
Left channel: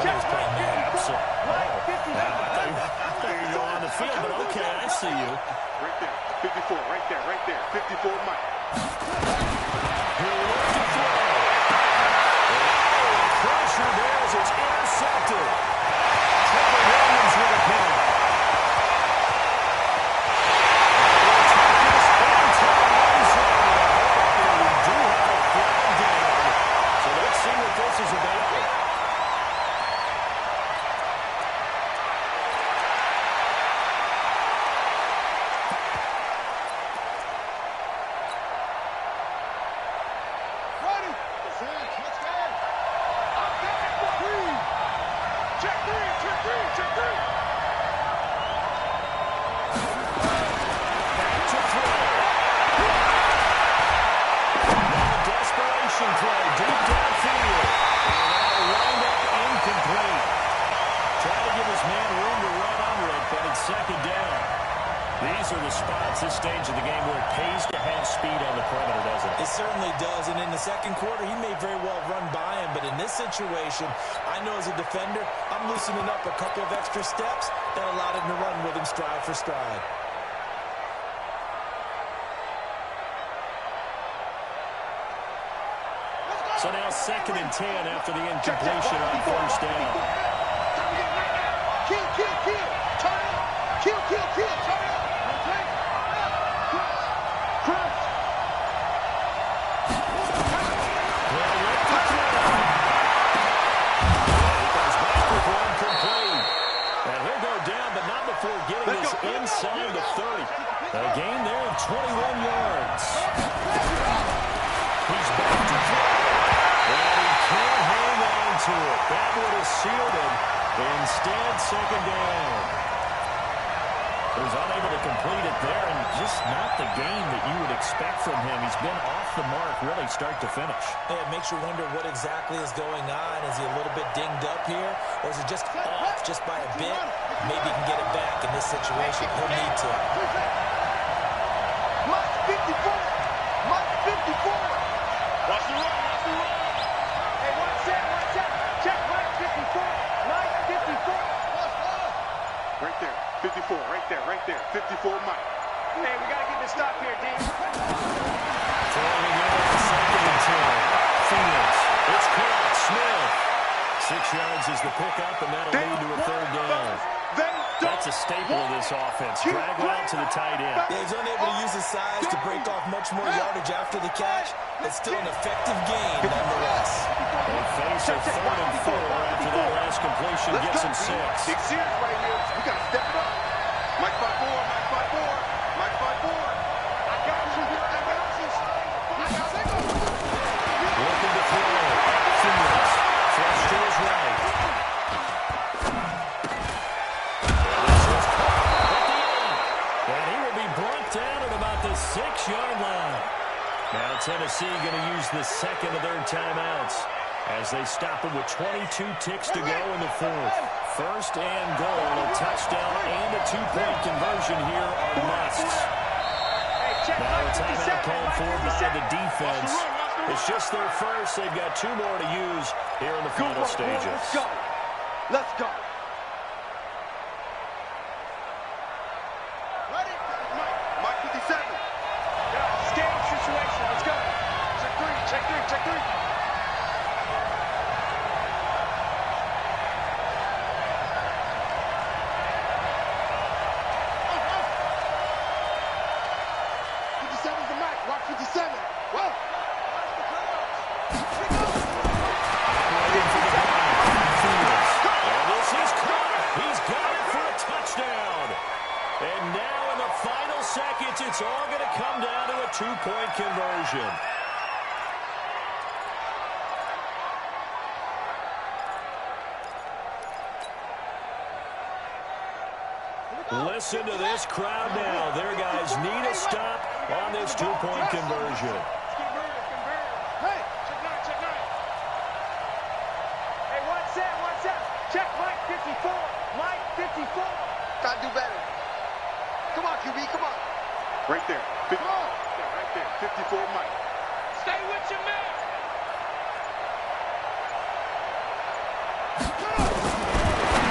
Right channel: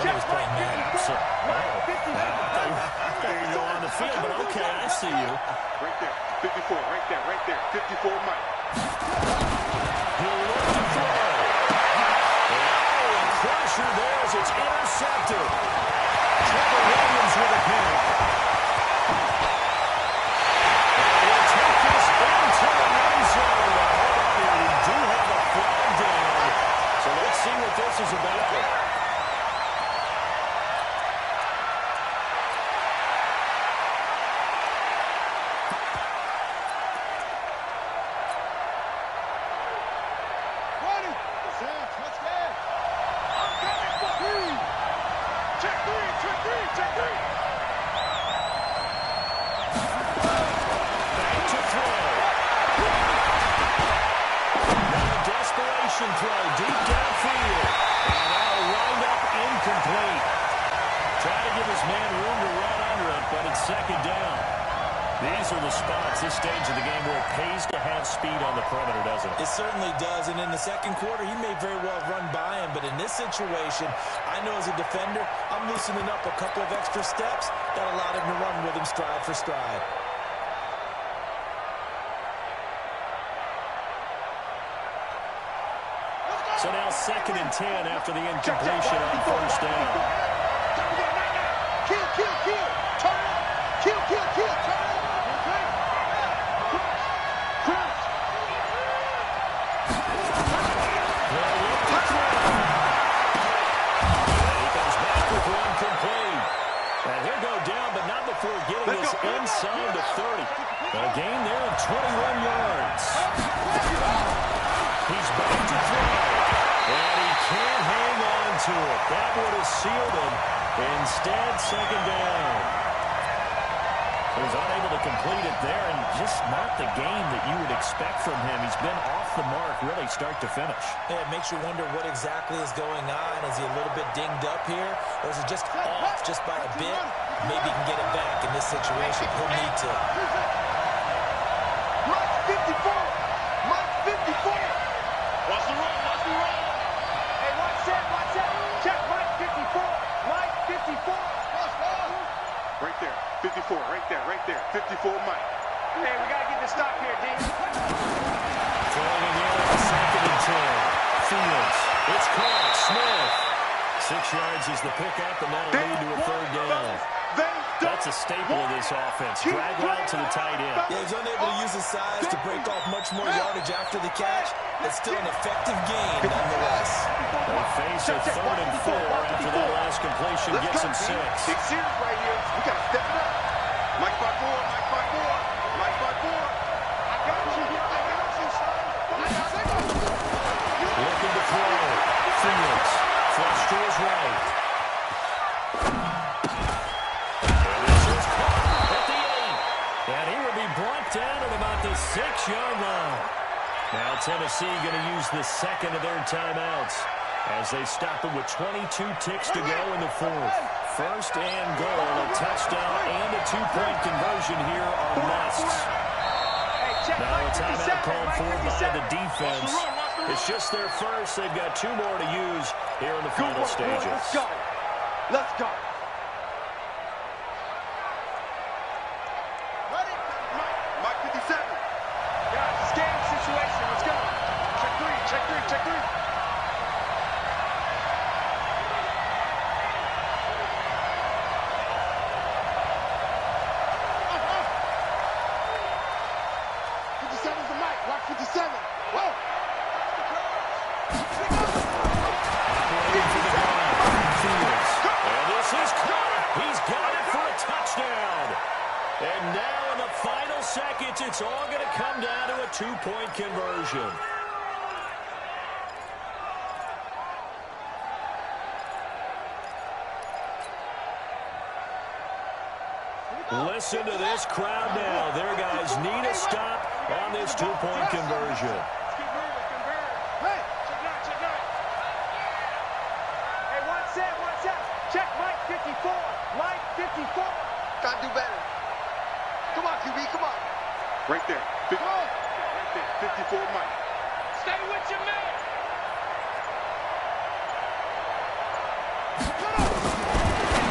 when he was playing man. Absolutely. There you go on the field, but okay, I see you. Right there, 54, right there, 54 Mike. He'll look to throw. Pressure there as it's intercepted. Trevor Williams with a pick. And we'll take this into the end zone. And we do have a flag down. So let's see what this is about. Throw deep downfield. And that'll wind up incomplete. Try to give his man room to run under it, but it's 2nd down. These are the spots, this stage of the game, where it pays to have speed on the perimeter, doesn't it? It certainly does, and in the 2nd quarter, he may very well run by him, but in this situation, I know as a defender, I'm loosening up a couple of extra steps that allowed him to run with him stride for stride. So now 2nd and 10 after the incompletion on 1st down. Kill, kill, kill. Turn up. Kill, kill, kill. Turn up. Okay. Crunch. He'll look to throw. And he comes back with one complete. And he'll go down, but not before getting this inside the 30. A gain there of 21 yards. He's back to throw. And he can't hang on to it. That would have sealed it. Instead, 2nd down. He was unable to complete it there, and just not the game that you would expect from him. He's been off the mark, really, start to finish. Yeah, it makes you wonder what exactly is going on. Is he a little bit dinged up here, or is it just off just by a bit? Maybe he can get it back in this situation. He'll need to. Mike 54. Mike 54. Watch the run, watch the run. Hey, watch that. Check Mike 54. Mike 54. Watch. Right there, 54, right there, 54 Mike. Hey, we got to get this stop here, D. Throwing again on 2nd and 10. Fields. It's caught. Smith. 6 yards is the pickup, and that'll lead to a 3rd down. That's a staple of this offense. Drag route to the tight end. Yeah, he's unable to use his size to break off much more yardage after the catch. It's still an effective gain nonetheless. They face a 3rd and 4 after that last completion gets him 6. Big series right here. We got to step it up. Mike 5-4, Mike 5-4, Mike 5-4. I got you, son. I got you. Looking to throw. Fields. Flush to his right. And this is caught at the 8. And he will be brought down at about the 6-yard line. Now Tennessee going to use the 2nd of their timeouts as they stop it with 22 ticks to go in the 4th. 1st and goal, a touchdown and a 2-point conversion here are musts. Now a timeout called for by the defense. It's just their first. They've got 2 more to use here in the final stages. Let's go. Let's go. Ready? Mike 57. Guys, it's game situation. Let's go. Check 3, check 3, check 3. Watch 57. Whoa. Watch the curls. Operating for the ball. Fields. And this is caught. He's got it for a touchdown. And now in the final seconds, it's all going to come down to a 2-point conversion. Listen to this crowd now. Their guys need a stop on this 2-point conversion. Let's keep moving, convert. Hey, check 9. Hey, 1-7. Check Mike 54. Mike 54. Gotta do better. Come on, QB, come on. Right there. Right there. 54 Mike. Stay with your man.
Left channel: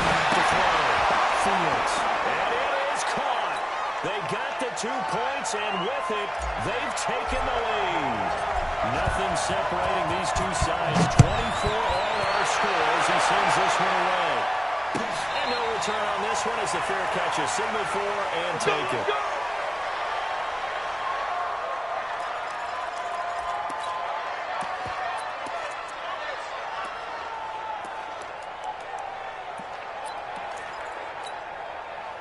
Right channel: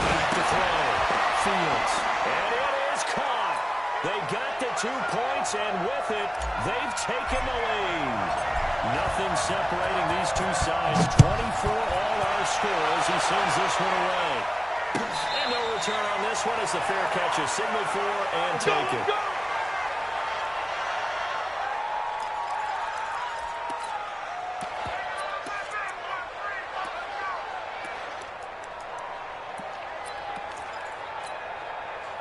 Back to throw. Fields. And it is caught. They got the 2 points, and with it, they've taken the lead. Nothing separating these two sides. 24 all our scores. He sends this one away. And no return on this one as the fair catch is signaled for and taken.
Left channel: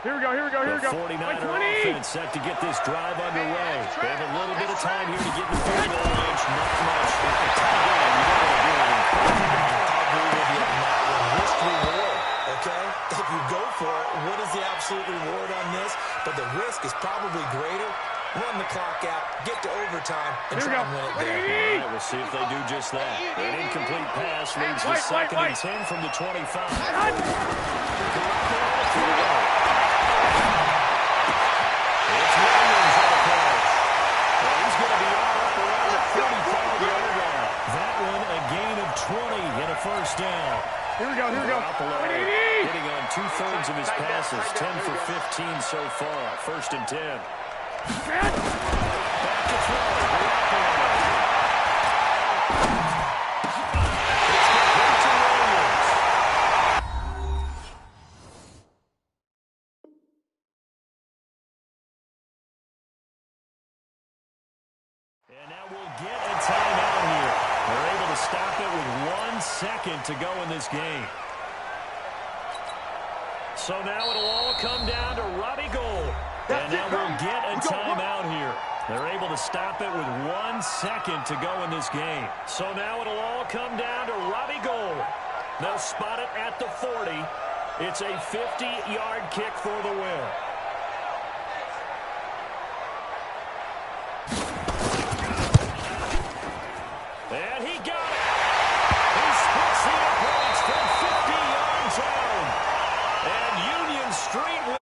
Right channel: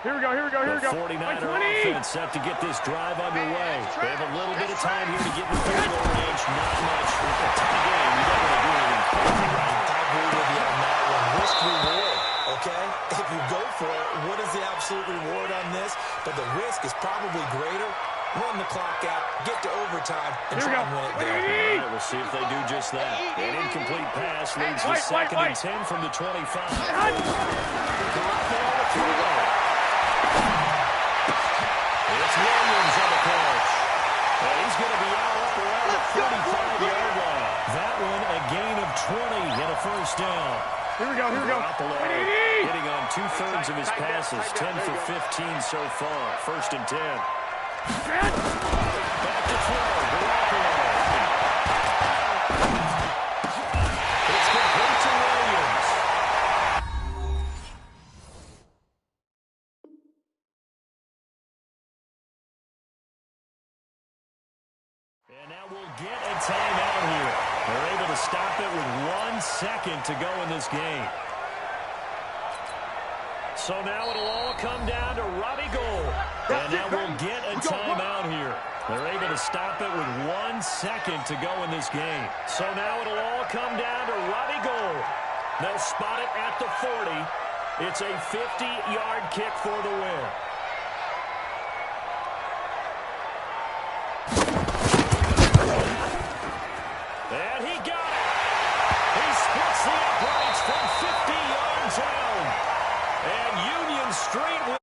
Here we go. The 49er offense set to get this drive underway. They have a little bit of time here to get in the field goal range. Not much. Again, you don't want to do anything crazy. I agree with you on that one. Risk reward, okay? If you go for it, what is the absolute reward on this? But the risk is probably greater. Run the clock out, get to overtime, and try and win it there. All right, we'll see if they do just that. An incomplete pass leads to 2nd and 10 from the 25. It's Williams on the catch. Well, he's going to be out up around the 45-yard line. That one a gain of 20 and a 1st down. Here we go. Garoppolo hitting on 2/3 of his passes, 10 for 15 so far. 1st and 10. Back to throw. Garoppolo. It's complete to Williams. And now we'll get a timeout here. They're able to stop it with 1 second to go in this game. So now it'll all come down to Robbie Gould. And now we'll get a timeout here. They're able to stop it with 1 second to go in this game. So now it'll all come down to Robbie Gould. They'll spot it at the 40. It's a 50-yard kick for the win. And he got